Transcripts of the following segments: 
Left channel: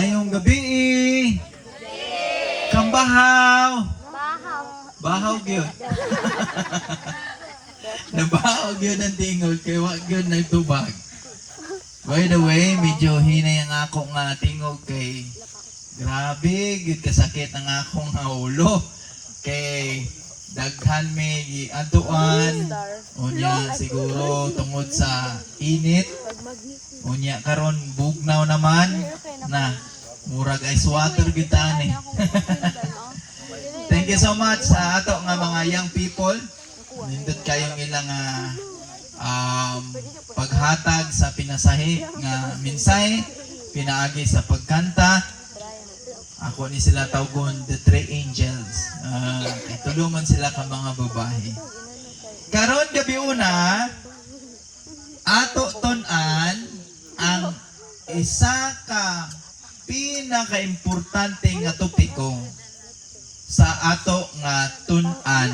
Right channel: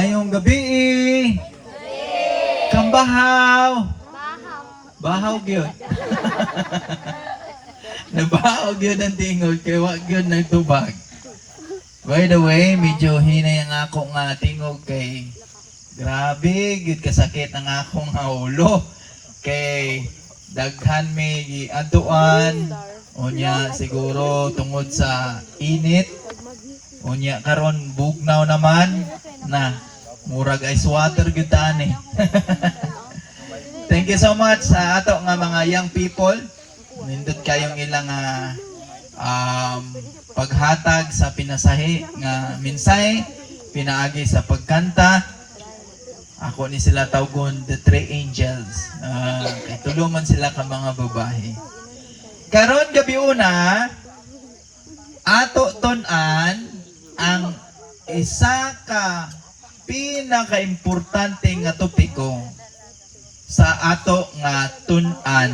Mayong gabi. Kambahaw. Bahaw gyud. Nabahaw gyud ang tingog kay wa gyud nagtubag. By the way, medyo hinay ang ako nga tingog kay grabe gyud kasakit ang akong ulo kay daghan may aduan unya siguro tungod sa init. Unya karon bugnaw naman na murag ice water gyud ani. Thank you so much sa ato nga mga young people. Nindot kayong ilang paghatag sa pinasahi nga minsay, pinaagi sa pagkanta. Ako ni sila tawgon the three angels. Tulungan sila ka mga babae. Karon gabi una, ato ton-an ang isa ka pinaka-importante nga topiko sa ato nga tun-an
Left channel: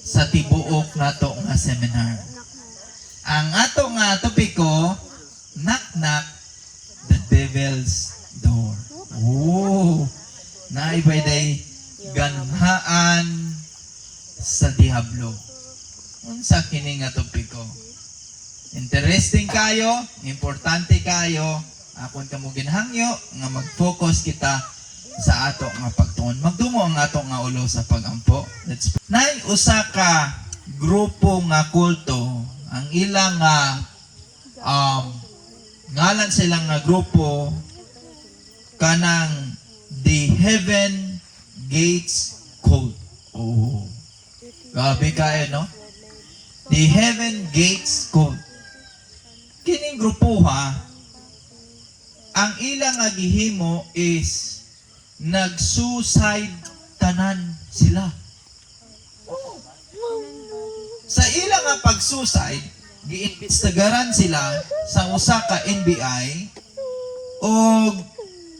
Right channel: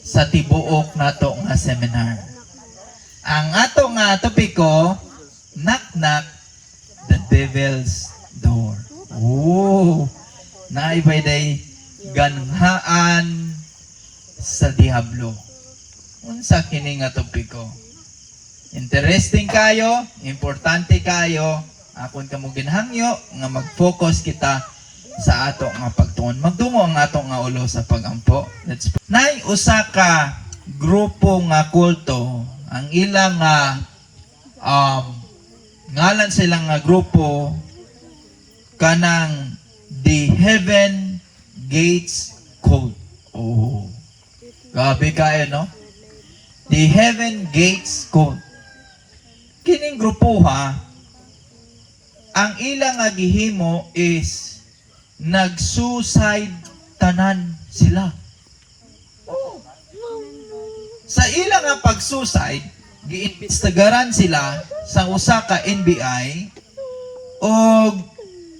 sa tibuok nato nga seminar. Ang ato nga topiko, knock-knock the devil's door. Oh, naibay-day ganhaan sa diablo. Unsa kini nga topiko? Interesting kayo, importante kayo, akon kamo ginhangyo nga mag-focus kita sa ato nga pagtuon. Magdungo ang ato nga ulo sa pagampo. Nay usa ka grupo nga kulto, ang ilang ngalan silang nga grupo kanang the Heaven Gates Cult. Oh, grabe kayo, no? The Heaven Gates Cult. Kining grupo ang ilang nga gihimo is nag-suicide tanan sila. Oh. Sa ilang nga pag-suicide, giimbestigaran sila sa usa ka NBI o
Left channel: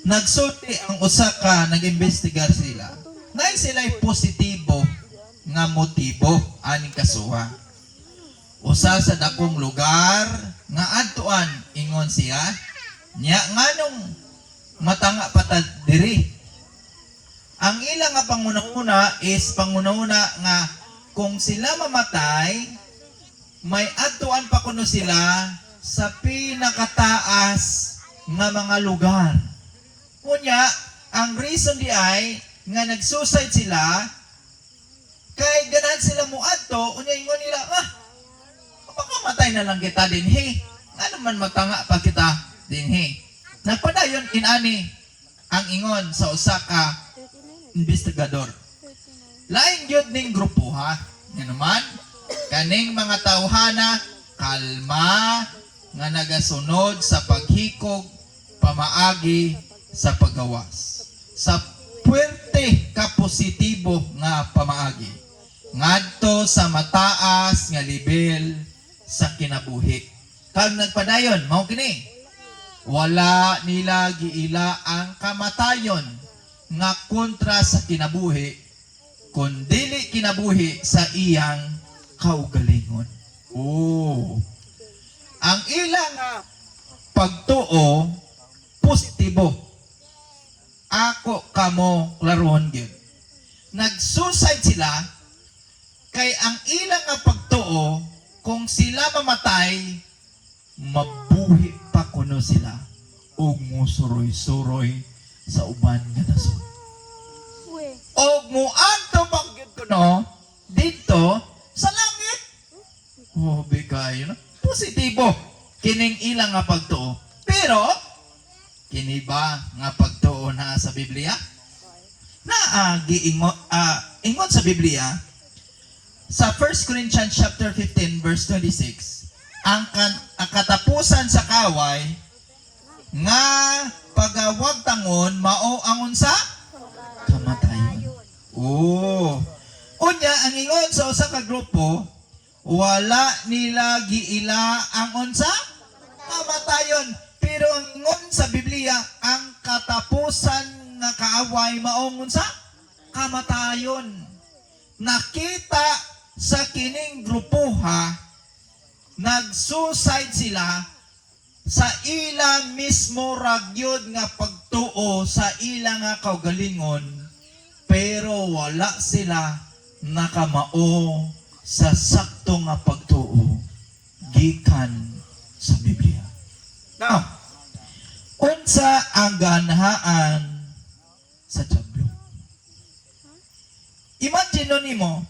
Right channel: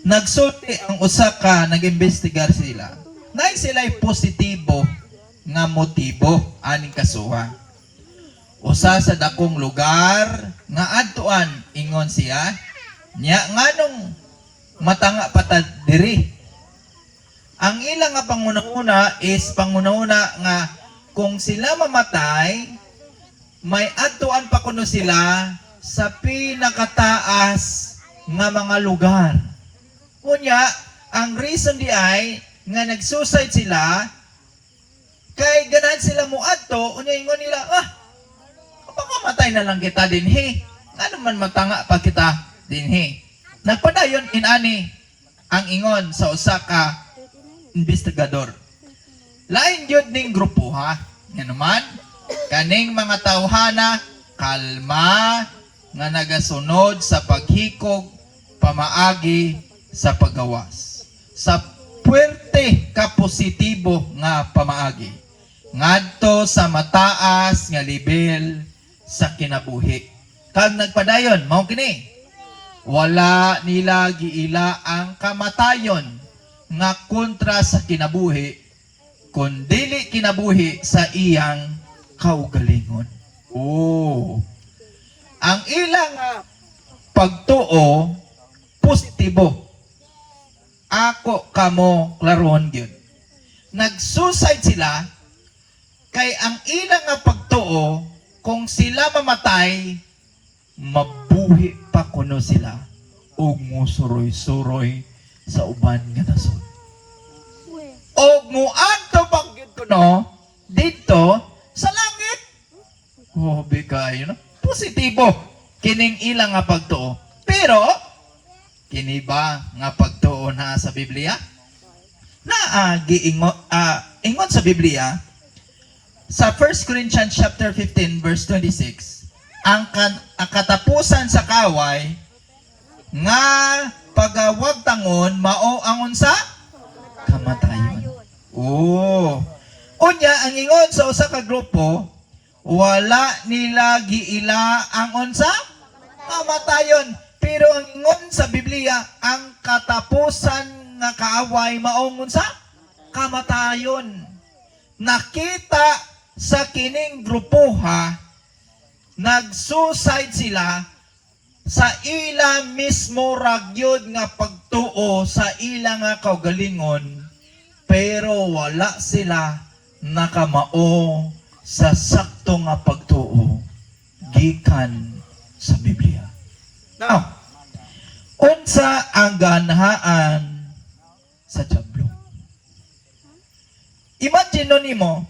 nagsulti ang usa ka nag-imbestigar sila. Nay sila'y positibo nga motibo aning kasuha. Usa sa dakong lugar nga adtuan ingon siya nya nganong matanga patad diri. Ang ilang nga panguna-una is panguna-una nga kung sila mamatay may adtuan pa kuno sila sa pinakataas nga mga lugar. Unya ang reason di ay nga nag-suicide sila kay ganahan sila muadto unya ingon nila pakamatay na lang kita dinhi. Ano man matanga pa kita dinhi. Nagpadayon inani ang ingon sa usa ka investigador. Lain gyud ning grupo Nga naman kaning mga tawhana kalma nga nagasunod sa paghikog pamaagi sa paggawas. Sa puwente ka positibo nga pamaagi ngadto sa mataas nga level sa kinabuhi. Kag nagpadayon, mao kini. Wala nila giila ang kamatayon nga kontra sa kinabuhi, kundili kinabuhi sa iyang kaugalingon. Oh. Ang ilang pagtuo positibo. Ako kamo klaron gyud. Nag-suicide sila kay ang ilang pagtuo kung sila mamatay, mabuhi pa kuno sila og musuroy-suroy sa uban nga nasod. Og muadto pa gyud kuno dito sa langit. Oh, bigay no? Positibo kining ilang nga pagtuo. Pero kini ba nga pagtuo na sa Biblia? Ingon sa Biblia sa 1 Corinthians chapter 15 verse 26, ang katapusan sa kaway nga pagawag tangon mao angon sa kamatayon. Oh. Unya ang ingon sa usa ka grupo, wala nila giila ang unsa kamatayon. Pero ang ingon sa Biblia, ang katapusan nga kaaway mao unsa kamatayon. Nakita sa kining grupo nag-suicide sila sa ila mismo ragyod nga pagtuo sa ila nga kaugalingon, pero wala sila nakamao sa sakto nga pagtuo gikan sa Biblia. Now, unsa ang ganhaan sa diablo? Imagine nimo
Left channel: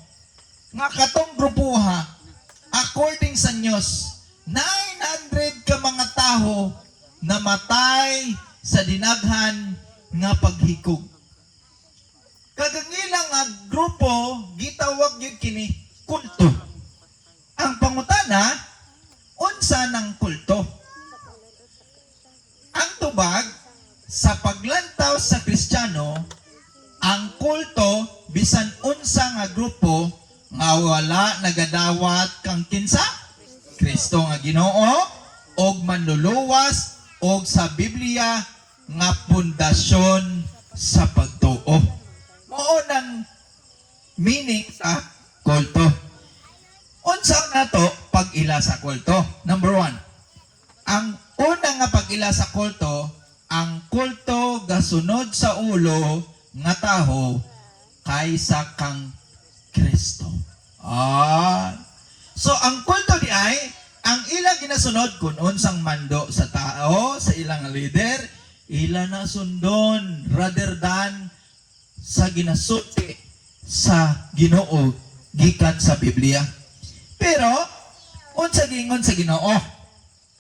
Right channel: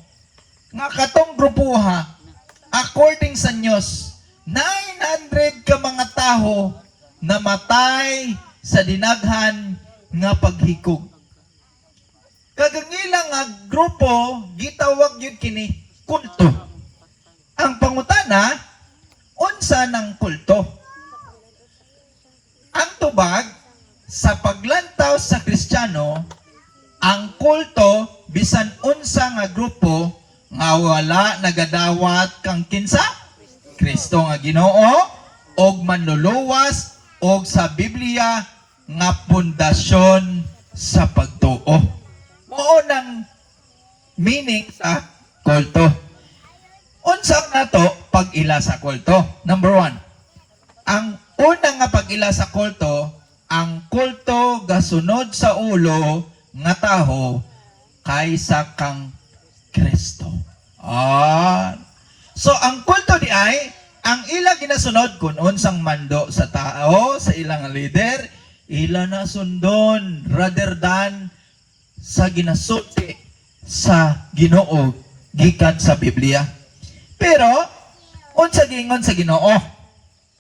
nga katong grupuha according sa news 900 ka mga taho namatay sa dinaghan nga paghikog. Kagagilang nga grupo gitawag yun kini kulto. Ang pangutana, unsa ng kulto? Ang tubag sa paglantaw sa Kristiyano, ang kulto bisan unsa nga grupo nga wala nagadawat kang kinsa Kristo nga Ginoo og manluluwas og sa Biblia nga pundasyon sa pagtuo. Mao nang meaning sa kulto. Unsa nato pag-ila sa kulto? Number 1. Ang una nga pag-ila sa kulto, ang kulto gasunod sa ulo nga taho kaysa kang Kristo. So ang kulto di ay ang ila ginasunod kun unsang mando sa tao, sa ilang leader, ila na sundon rather than sa ginasuti sa Ginoo gikan sa Biblia. Pero unsa gingon sa Ginoo?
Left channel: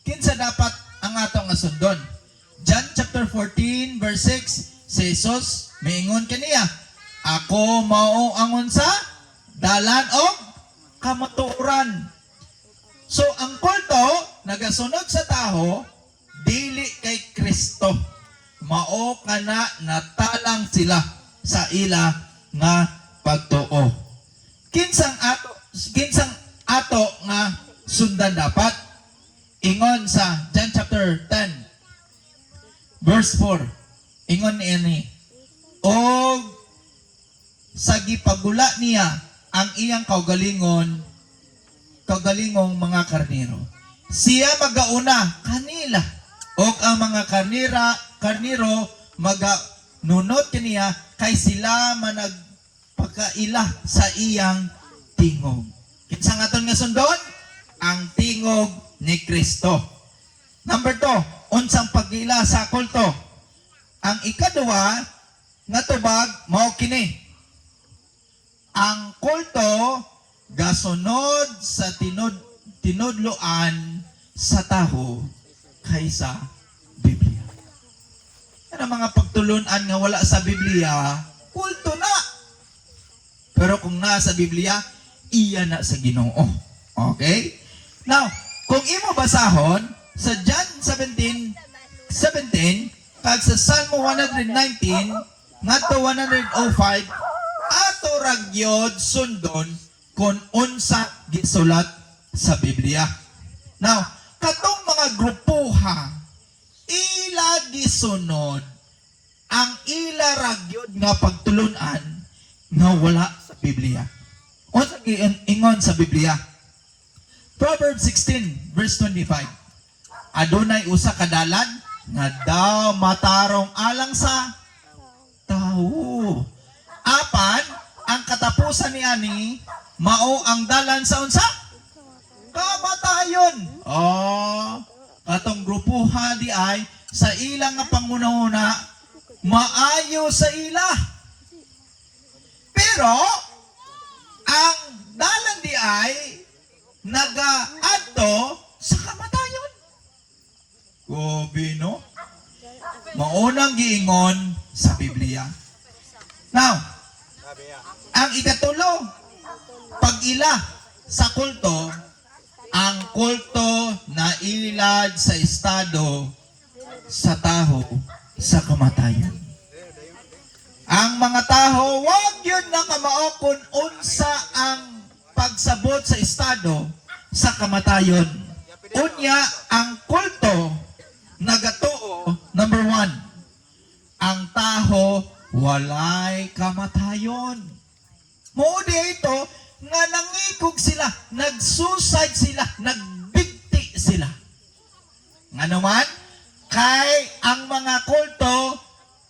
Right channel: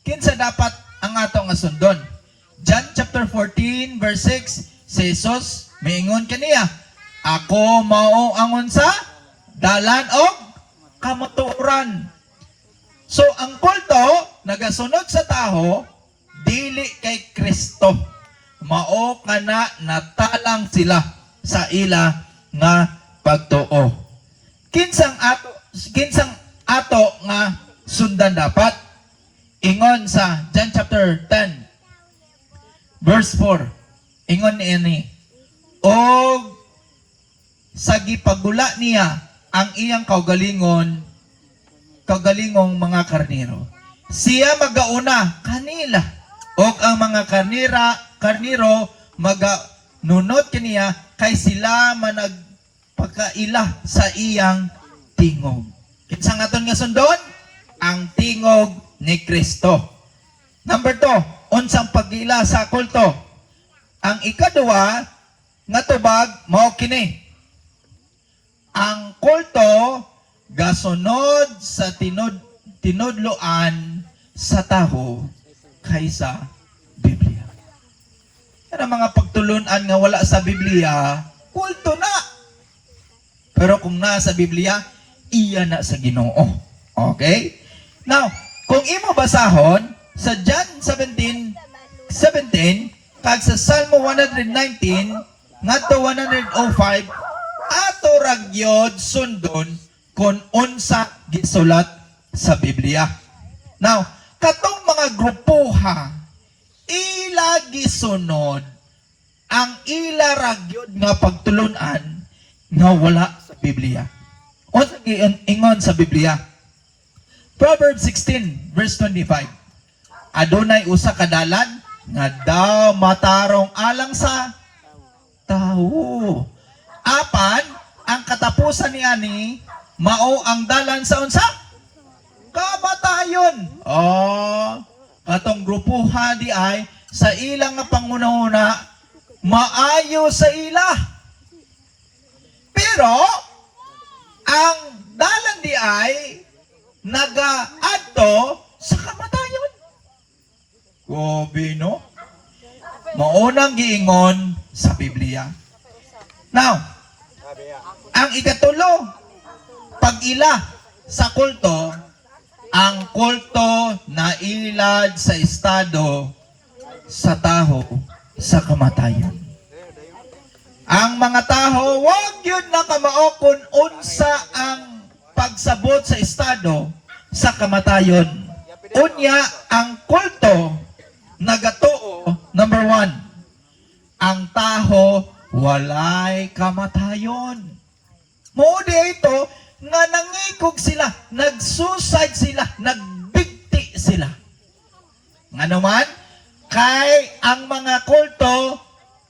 Kinsa dapat ang ato nga sundon? John chapter 14 verse 6, si Jesus miingon kaniya, ako mao ang unsa dalan og kamatuoran. So ang kulto nagasunod sa taho dili kay Kristo. Mao kana natalang sila sa ila nga pagtuo. Kinsang ato nga sundan dapat? Ingon sa John chapter 10 verse 4. Ingon niini, og sa gipagula niya ang iyang kaugalingong mga karniro. Siya magauna kanila og ang mga karniro maganunot kaniya kay sila managpagkaila sa iyang tingog. Kinsa nga aton nga sundon? Ang tingog ni Kristo. Number 2, unsang pag-ila sa kulto? Ang ikaduwa nga tubag mao kini. Ang kulto gasunod sa tinudloan sa taho kaysa Biblia. Yan ang mga pagtulunan nga wala sa Biblia, kulto na. Pero kung nasa Biblia, iya na sa Ginoo. Okay? Now, kung imo basahon sa John 17:17 kag sa Salmo 119 ngadto 105 ato ragyod sundon kung unsa gisulat sa Biblia. Now, katong mga grupuha ila gisunod ang ila ragyod nga pagtulunan nga wala sa Biblia. Unsa ingon sa Biblia? Proverbs 16 verse 25. Adunay usa ka dalan nga daw matarong alang sa tao. Apan ang katapusan niani mao ang dalan sa unsa? Kamatayon. Katong grupuha di ay sa ilang nga pangunahuna maayo sa ila. Pero ang dalan di ay nagaadto sa kamatayon. Gobi, no? Maunang giingon sa Biblia. Now, ang ikatulo, pag-ila sa kulto, ang kulto na ilad sa estado sa taho sa kamatayon. Ang mga taho, wag yun nakamao kung unsa ang pagsabot sa estado sa kamatayon. Unya, ang kulto nagatuo, number 1, ang taho walay kamatayon. Moodi ito nga nangikog sila, nagsuicide sila, nagbigti sila. Nga naman, kay ang mga kulto,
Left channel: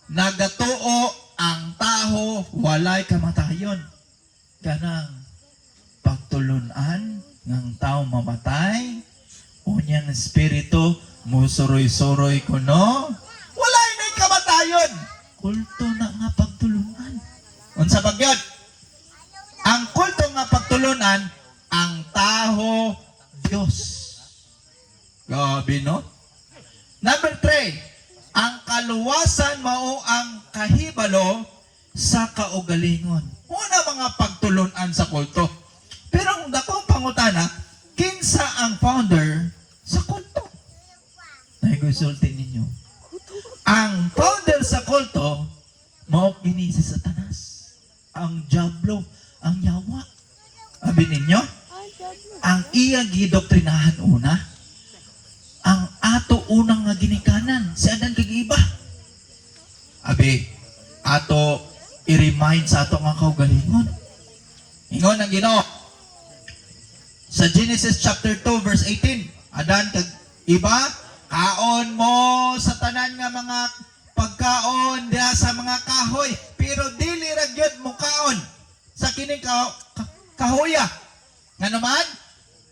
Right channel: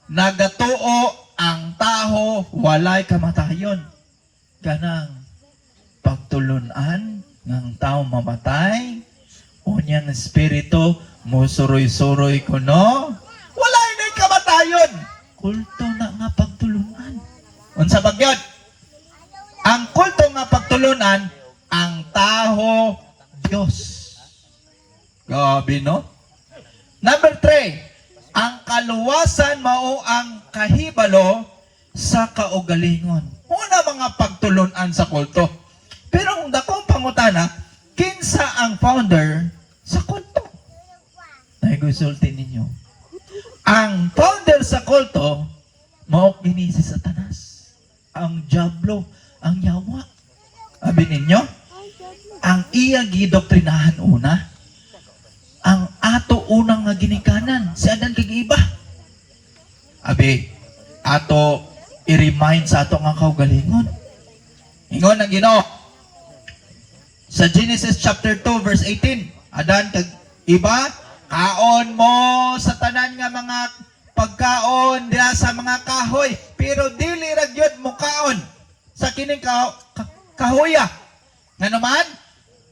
nagatuo ang taho, walay kamatayon. Kanang pagtulunan ng tao mamatay, unyang espiritu, musuroy-suroy ko no, walay na kamatayon. Kulto na nga pagtulunan. Unsa bagyod? Ang kulto nga pagtulunan, ang taho, Diyos. Gabi, no? Number 3, ang kaluwasan mao ang kahibalo sa kaugalingon. Una mga pagtulunan sa kulto. Pero kung dakong pangutana, kinsa ang founder sa kulto? Nag-usulti ninyo. Ang founder sa kulto, mao kini si Satanas. Ang diablo, ang yawa. Abi ninyo, ang iya gidoktrinahan una, ang ato unang nga ginikanan, si Adan kag iba. Abi, ato i-remind sa ato nga kaugalingon. Ingon ang Ginoo. Sa Genesis chapter 2 verse 18, Adan kag iba, kaon mo sa tanan nga mga pagkaon diha sa mga kahoy, pero dili ra gyud mo kaon sa kining kahoya. Nga naman,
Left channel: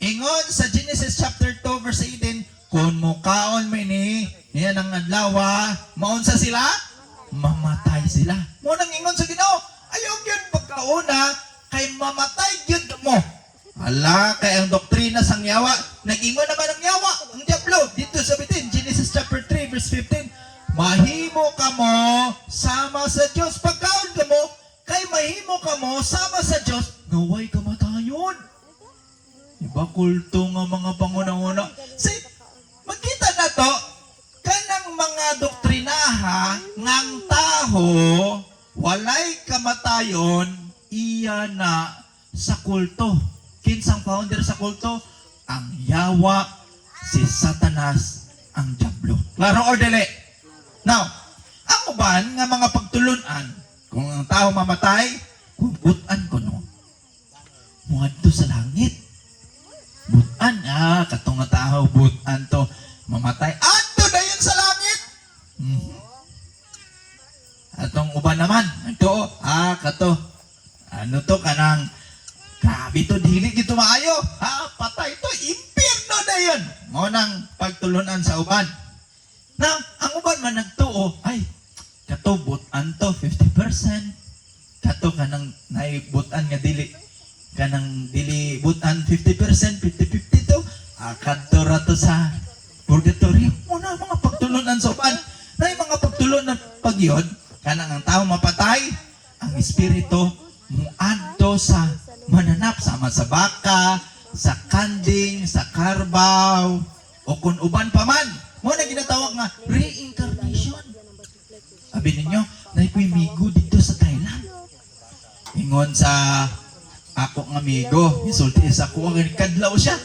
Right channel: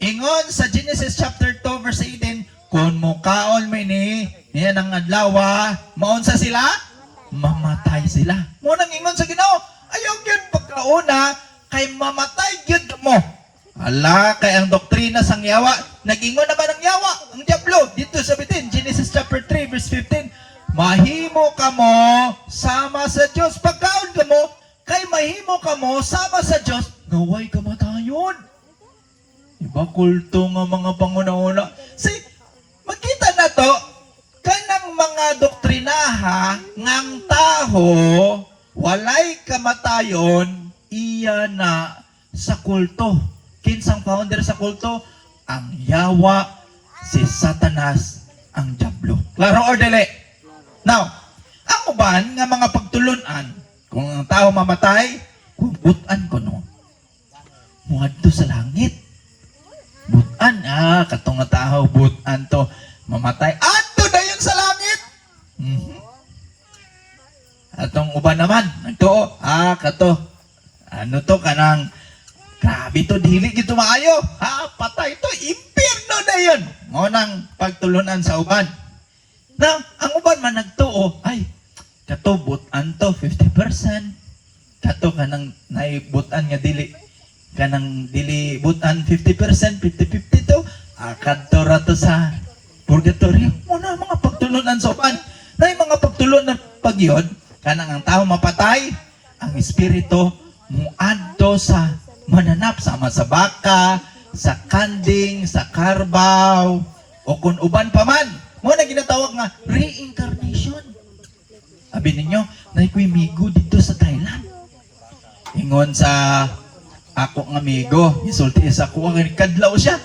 ingon sa Genesis chapter 2 verse 18, kung mukaon mo niya ng adlaw, maunsa sila? Mamatay sila. Munang ingon sa Ginoo, ayaw yun pagkauna, kay mamatay yun mo. Ala, kay ang doktrina sang yawa, nag-ingon naman ang yawa, ang diablo, dito sa bitin, Genesis chapter 3 verse 15, mahimo ka mo sama sa Diyos. Pagkaon ka mo, kay mahimo ka mo sama sa Diyos, naway kamatayon. Iba kulto nga mga pangunauna. Makita na to, kanang mga doktrinaha ngang taho, walay kamatayon, iya na sa kulto. Kinsang founder sa kulto? Ang yawa, si Satanas, ang diablo. Klaro or dili? Now, ang uban nga mga pagtulunan, kung ang tao mamatay, butan ko no. Muadto sa langit. Butan, katong nga tao, butan to, mamatay. Ato na yun sa langit. Atong uban naman, ito, kato, ano to, kanang, grabe to, dili dito maayo. Patay to, impierno na yun. Ngunang pagtulunan sa uban. Now, ang uban man nagtuo, ay, kato, butan to, 50%. Kato, kanang naibutan nga dili. Kanang dili butan 50%, 50-50 to, kadto ra to sa purgatorio. Muna mga pagtulunan sa uban. Na mga pagtulunan pagyod, kanang ang tao mapatay, ang espiritu muadto sa mananap, sama sa baka, sa kanding, sa karbaw, o kung uban pa man. Muna ginatawag nga reincarnation. Sabi ninyo, naikoy migo dito sa Thailand. Ingon sa ako ng amigo, isulti sa ako, kadlaw siya.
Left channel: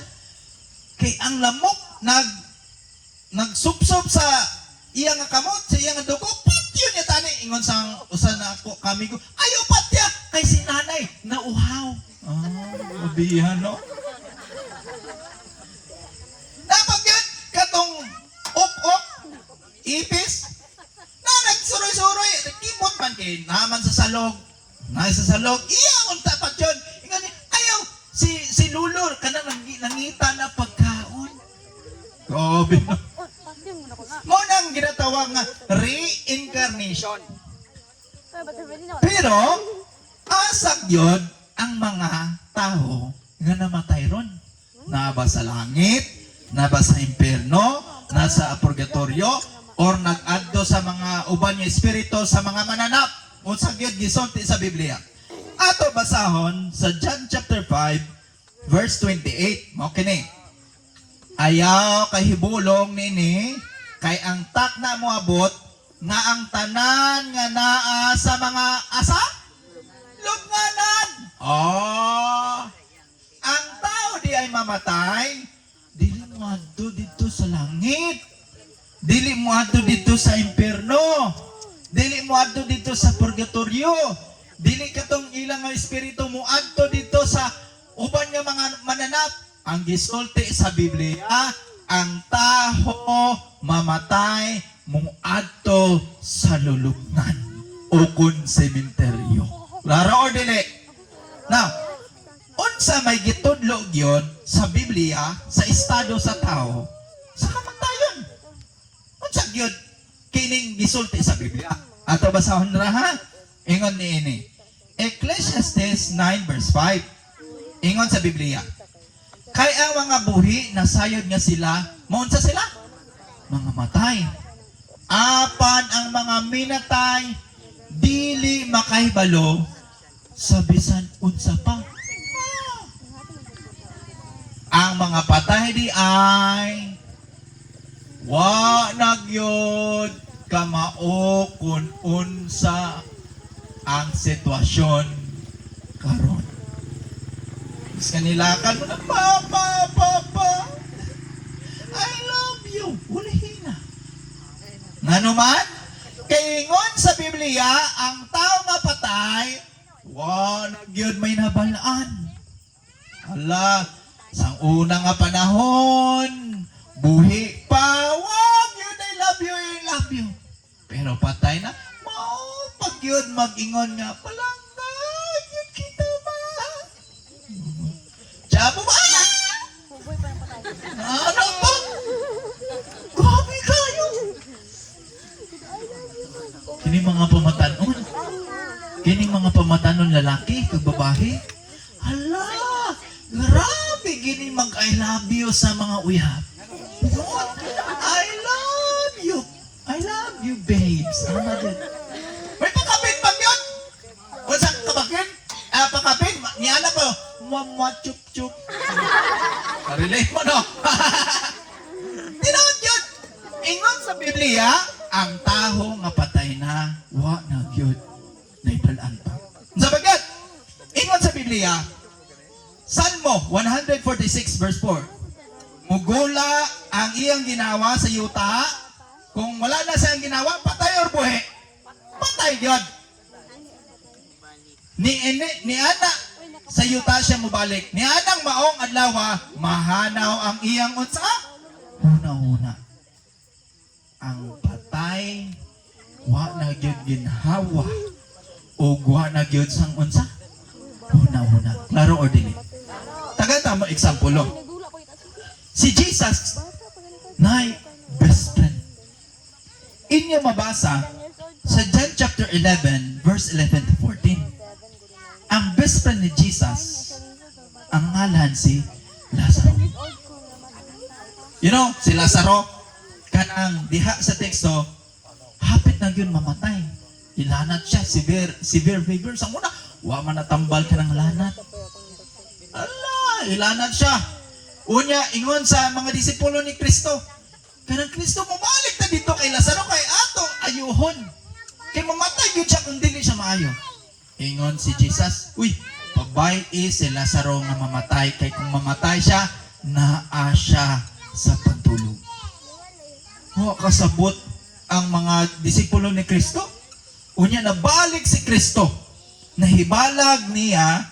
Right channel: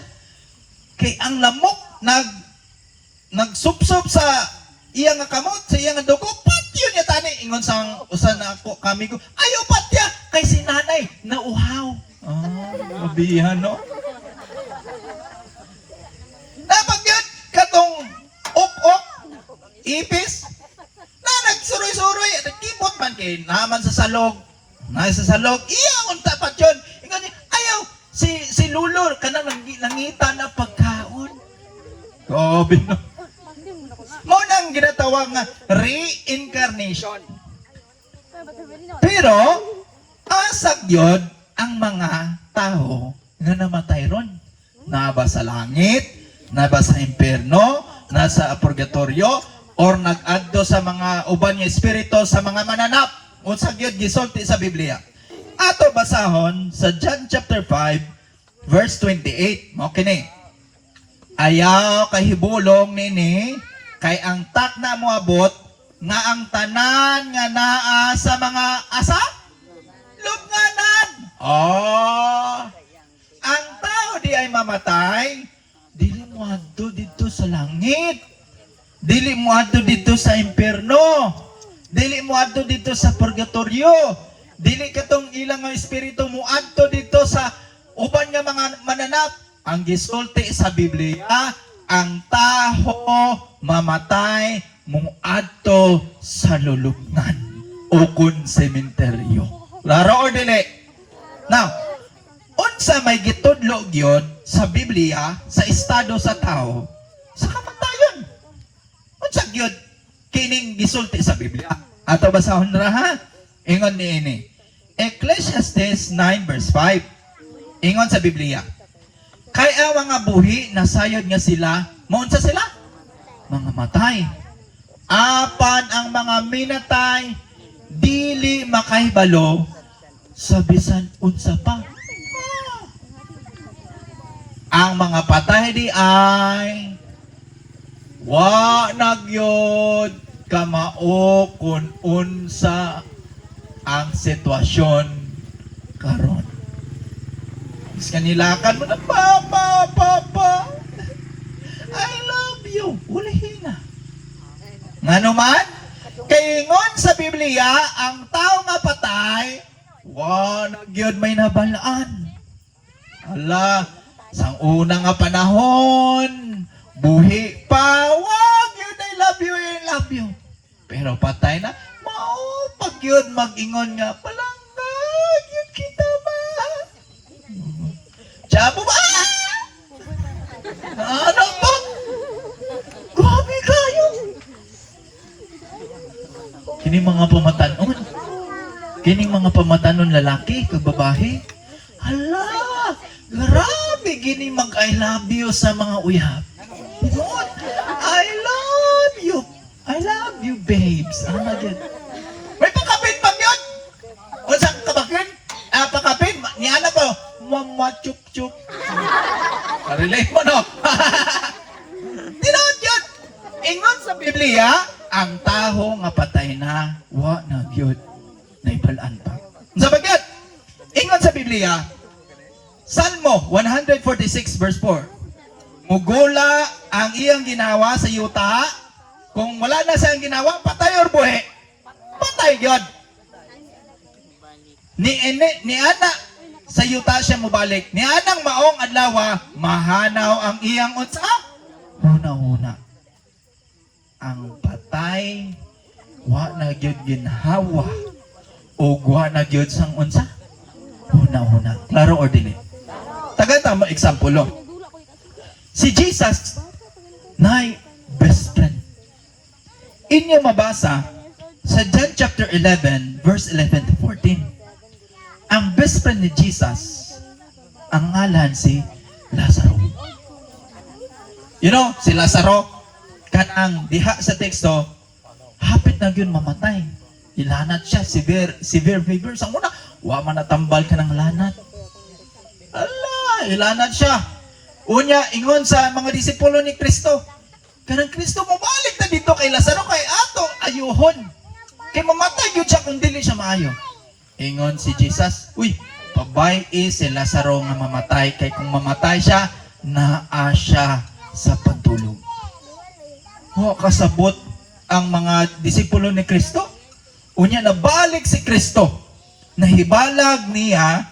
Kay ang lamok, nagsupsop sa iya nga kamot, sa iya nga dugo, patyo niya tani. Ingon sa usa na ako kamigo, ayaw patya, kay si nanay, nauhaw. Mabihan, no? Dapat yun, katong ok-ok, ipis, na nagsuroy-suroy, nagkipot man kay naman sa salog. Nasa salog, iya, unta pa yun. Ingon niya, ayaw, si Lulo, kanang nangita na pagkaon. Gobi, no? Munang ginatawag nga reincarnation. Pero, asag yun ang mga tao nga namatay ron. Naba sa langit, naba sa impierno, nasa purgatorio, or nag-adto sa mga uban nga espiritu sa mga mananap. Unsag yun gisulti sa Biblia. Ato basahon sa John chapter 5 verse 28. Mao kini. Ayaw kahibulong nini kay ang takna mo abot nga ang tanan nga naa sa mga asa lubnganan. Ang tao di ay mamatay, dili mo adto dito sa langit. Dili mo adto dito sa impierno. Dili mo adto dito sa purgatorio. Dili katong ilang nga espiritu mo adto dito sa uban nga mga mananap. Ang gisulti sa Biblia, ang taho mamatay mong adto sa lulubngan o kun sementeryo. Laro o dili? Now, unsa may gitudlo gyud sa Biblia sa estado sa tao sa kamatayon. Unsa gyud kining gisulti sa Biblia? Ato basahon ra ha. Ingon niini. Ecclesiastes 9 verse 5. Ingon sa Biblia. Kay ang mga buhi nasayod nga sila, maunsa sila? Mga matay. Apan ang mga minatay dili makahibalo sa bisan unsa pa. Ang mga patay di ay wa nagyod kamao kun unsa ang sitwasyon karon. Is kanilakan mo na papa I love you. Ulahin na. Ngano man? Kaingon sa Biblia ang tao nga patay wa nagyod may nabalaan. Ala, sang una nga panahon, buhi pa, wag yun, I love you. Pero patay na, mao, pag yun mag-ingon nga, palangga, yun kita ba? Tsabo ba? Ano ba? Grabe kayo. Kining mga pamatanon lalaki, kag babae, hala, grabe gini mag I love you sa mga uyab. What? I love you babes. Oh my God. May pakapit pa yun. Unsa kabakyan? Pakapit ni ana po. Mama chup chup. Relate mo no. Tinawad yun. Ingon sa Biblia, ang taho nga patay na wa na gyud na ipalaan pa. Sa bagay, ingon sa Biblia, Salmo 146 verse 4. Mugula ang iyang ginawa sa yuta. Kung wala na siyang ginawa, patay or buhi? Patay yun. Ni ana sa yuta siya mubalik. Ni anang maong adlawa, mahanaw ang iyang unsa? Una-una. Ang patay, wa na gyud ginhawa. O wa na gyud sang unsa? Una-una. Klaro or dili? Tagal tama example lo. Si Jesus na best friend. Inyo mabasa sa John chapter 11 verse 11 to 14. Ang best friend ni Jesus, ang ngalan si Lazaro. You know, si Lazaro, kanang diha sa teksto, hapit na yun mamatay. Ilanat siya, severe fever. Sa muna, wa man natambal ka ng lanat. Ala, ilanat siya. Unya, ingon sa mga disipulo ni Kristo, kanang Kristo, mabalik na dito kay Lazaro, kay ato, ayuhon. Kay mamatay yun siya kung dili siya maayo. Ingon si Jesus, uy, pabay si Lazaro nga mamatay, kay kung mamatay siya, naa siya sa pagtulog. O, kasabot ang mga disipulo ni Kristo. Unya, nabalik si Kristo. Nahibalag niya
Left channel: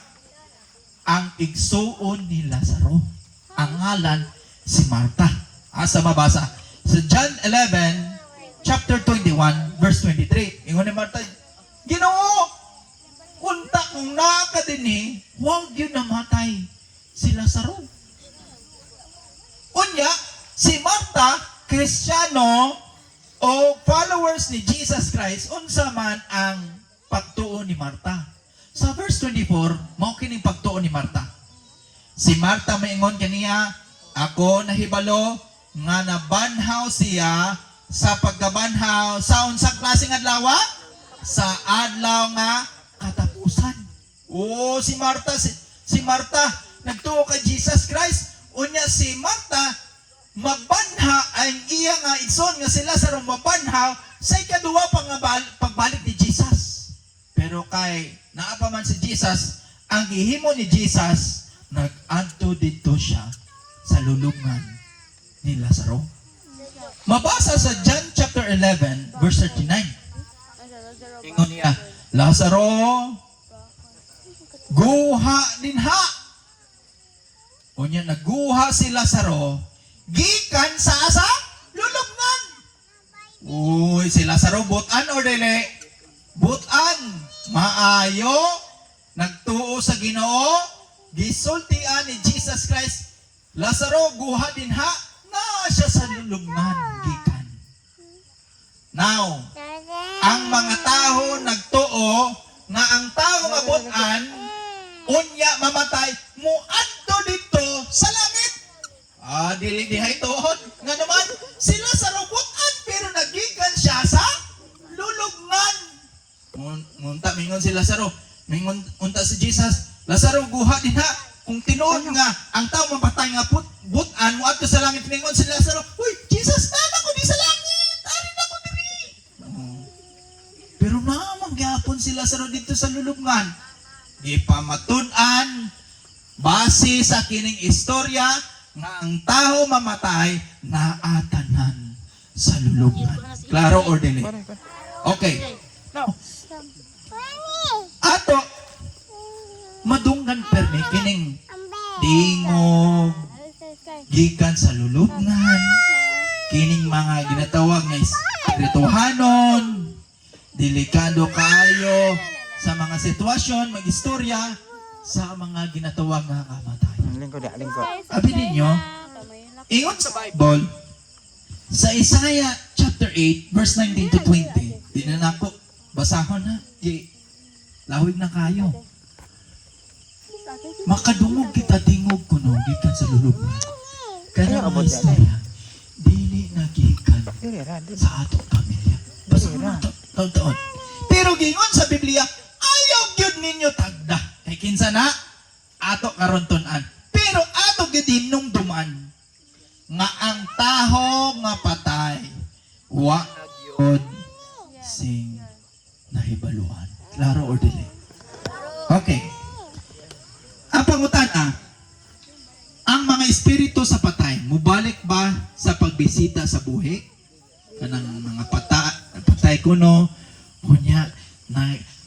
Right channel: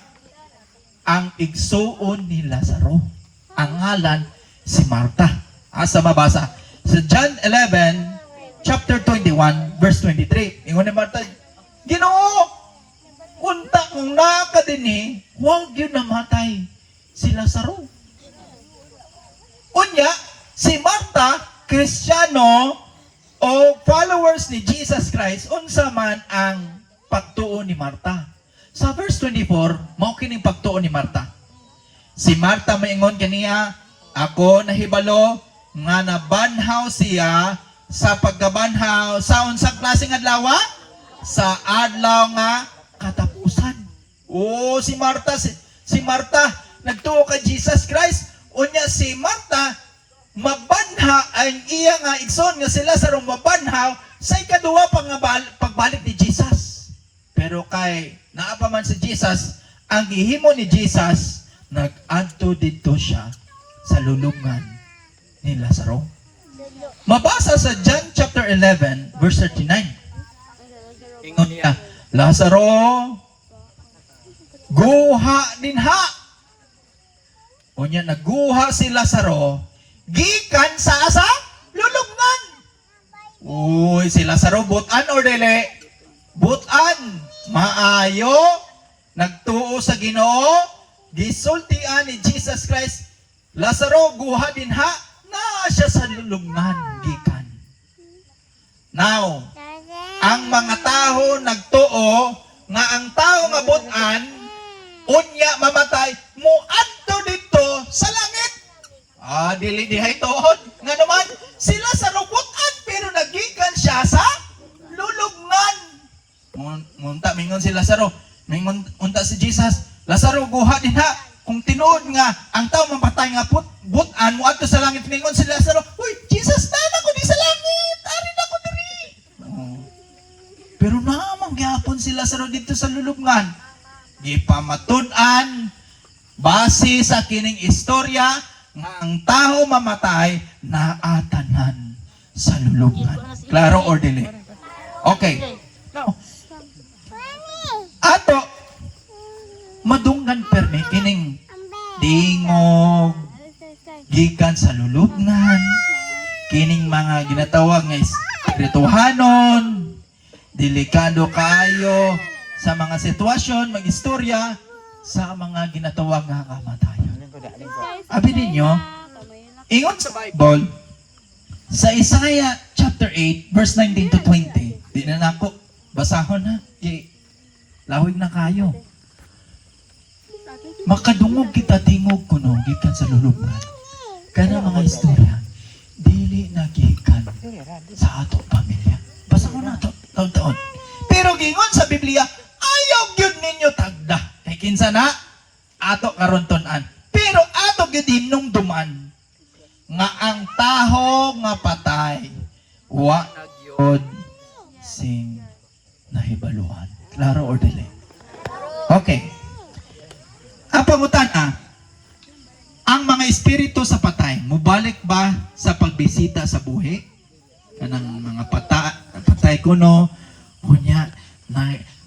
ang igsuon ni Lazaro. Ang ngalan, si Marta. Asa mabasa? Sa John 11, chapter 21, verse 23. Ingon ni Marta, Ginoo, unta kung nakadini, huwag yun namatay si Lazaro. Unya, si Marta, Kristiyano o followers ni Jesus Christ, unsa man ang pagtuon ni Marta. Sa verse 24, mao kining pagtuon ni Marta. Si Marta maingon kaniya, ako nahibalo nga nabanhaw siya sa pagkabanhaw sa unsang klaseng adlaw? Sa adlaw nga katapusan. Oh, si Marta nagtuo kay Jesus Christ. Unya si Marta mabanha ang iya nga igsoon nga sila sa mabanhaw sa ikaduha pa nga pagbalik ni Jesus. Pero kay naa pa man si Jesus, ang gihimo ni Jesus, nag-adto dito siya sa lulubngan ni Lazaro. Mabasa sa John chapter 11 verse 39. Ingon niya, Lazaro, guha dinha. Unya naguha si Lazaro, gikan sa asa lulubngan. Uy, si Lazaro butan or dili? Butan. Maayo nagtuo sa Ginoo, gisultian ni Jesus Christ. Lazaro guha din ha, na siya sa lulubngan gikan. Now, ang mga tao nagtuo nga ang tao nga butan unya mamatay muadto dito sa langit. Dili dihay tuod nga naman sila sa butan pero nagikan siya sa lulubngan. Munta mingon si Lazaro, mingon unta si Jesus, Lazaro guha din ha. Kung tinuod nga ang tao mamatay nga butan muadto sa langit, mingon si Lazaro, uy, Jesus, tana ko di sa langit, ari na ko diri. Pero naman gyapon si Lazaro dito sa lulubngan. Ipamatunan base sa kining istorya nga ang tao mamatay na atanan sa lulubngan. Klaro or dili? Okay. Now, ato madunggan permi kining dingog gikan sa lulubngan, kining mga ginatawag nga espirituhanon, delikado kayo sa mga sitwasyon, mag-istorya sa mga ginatawag nga kamatayan. Abi ninyo, ingon sa Bible, sa Isaiah chapter 8, verse 19 to 20, di na nako, basahon na, lawig na kayo. Makadungog kita tingog kuno, gikan sa lulubngan. Kaya mga istorya, dili na gikan sa atong pamilya. Basahon na taon-taon. Pero gingon sa Biblia, ayaw gyud ninyo tagda. Kay kinsa na ato karon tun-an. Pero ato gyud hinumduman nga ang taho nga patay wa gyud sing nahibaluan. Klaro or dili? Okay. Ang pangutan ang mga espiritu sa patay mubalik ba sa pagbisita sa buhi? Kanang mga patay kuno kunya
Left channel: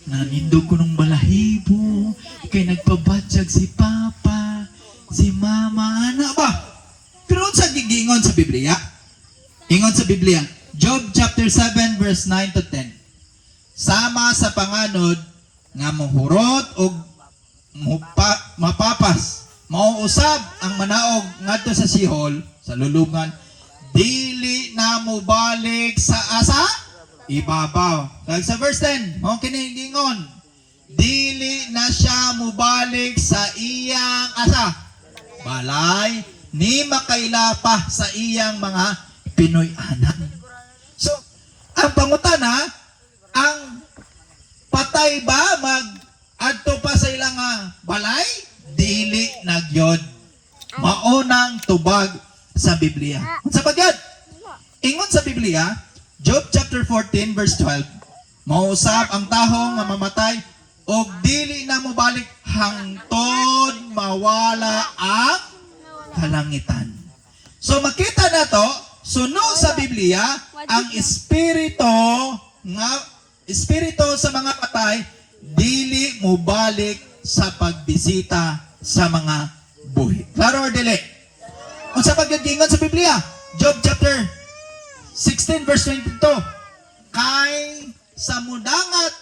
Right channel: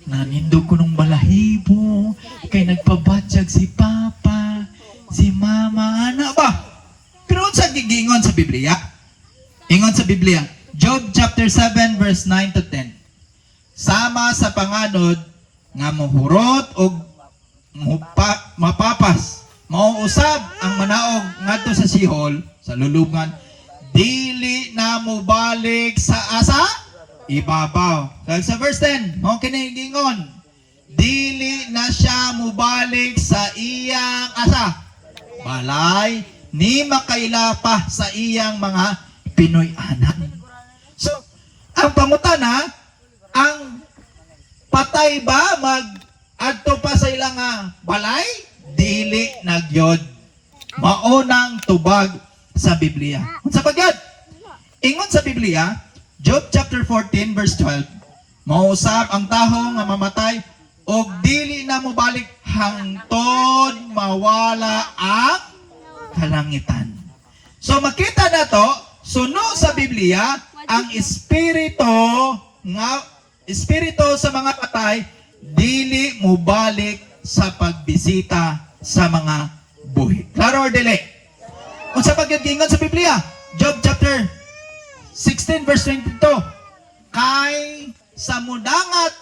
nanindog ko nung balahibo, kay nagpabatsag si Papa, si Mama, ano ba? Pero saan gigingon sa Biblia? Ingon sa Biblia, Job chapter 7 verse 9 to 10. Sama sa panganod nga muhurot o mapapas, mauusab ang manaog ngadto sa sihol, sa lulubngan, dili na mo balik sa asa? Ibabaw. Dahil sa verse 10, mong kinigingon, dili na siya mubalik sa iyang asa. Balay, ni makaila pa sa iyang mga Pinoy-anan. So, ang pangutana, ang patay ba mag-adto pa sa ilang balay? Dili nagyod. Maunang tubag sa Biblia. Sa pagkat, ingon sa Biblia, Job chapter 14 verse 12, mausap ang taho nga mamatay og dili na mo balik hangtod mawala ang kalangitan. So makita na to, suno sa Biblia ang espiritu sa mga patay dili mo balik sa pagbisita sa mga buhi. Klaro or dili? Unsa paggingon sa Biblia? Job chapter 16 verse 22, kay sa mudangat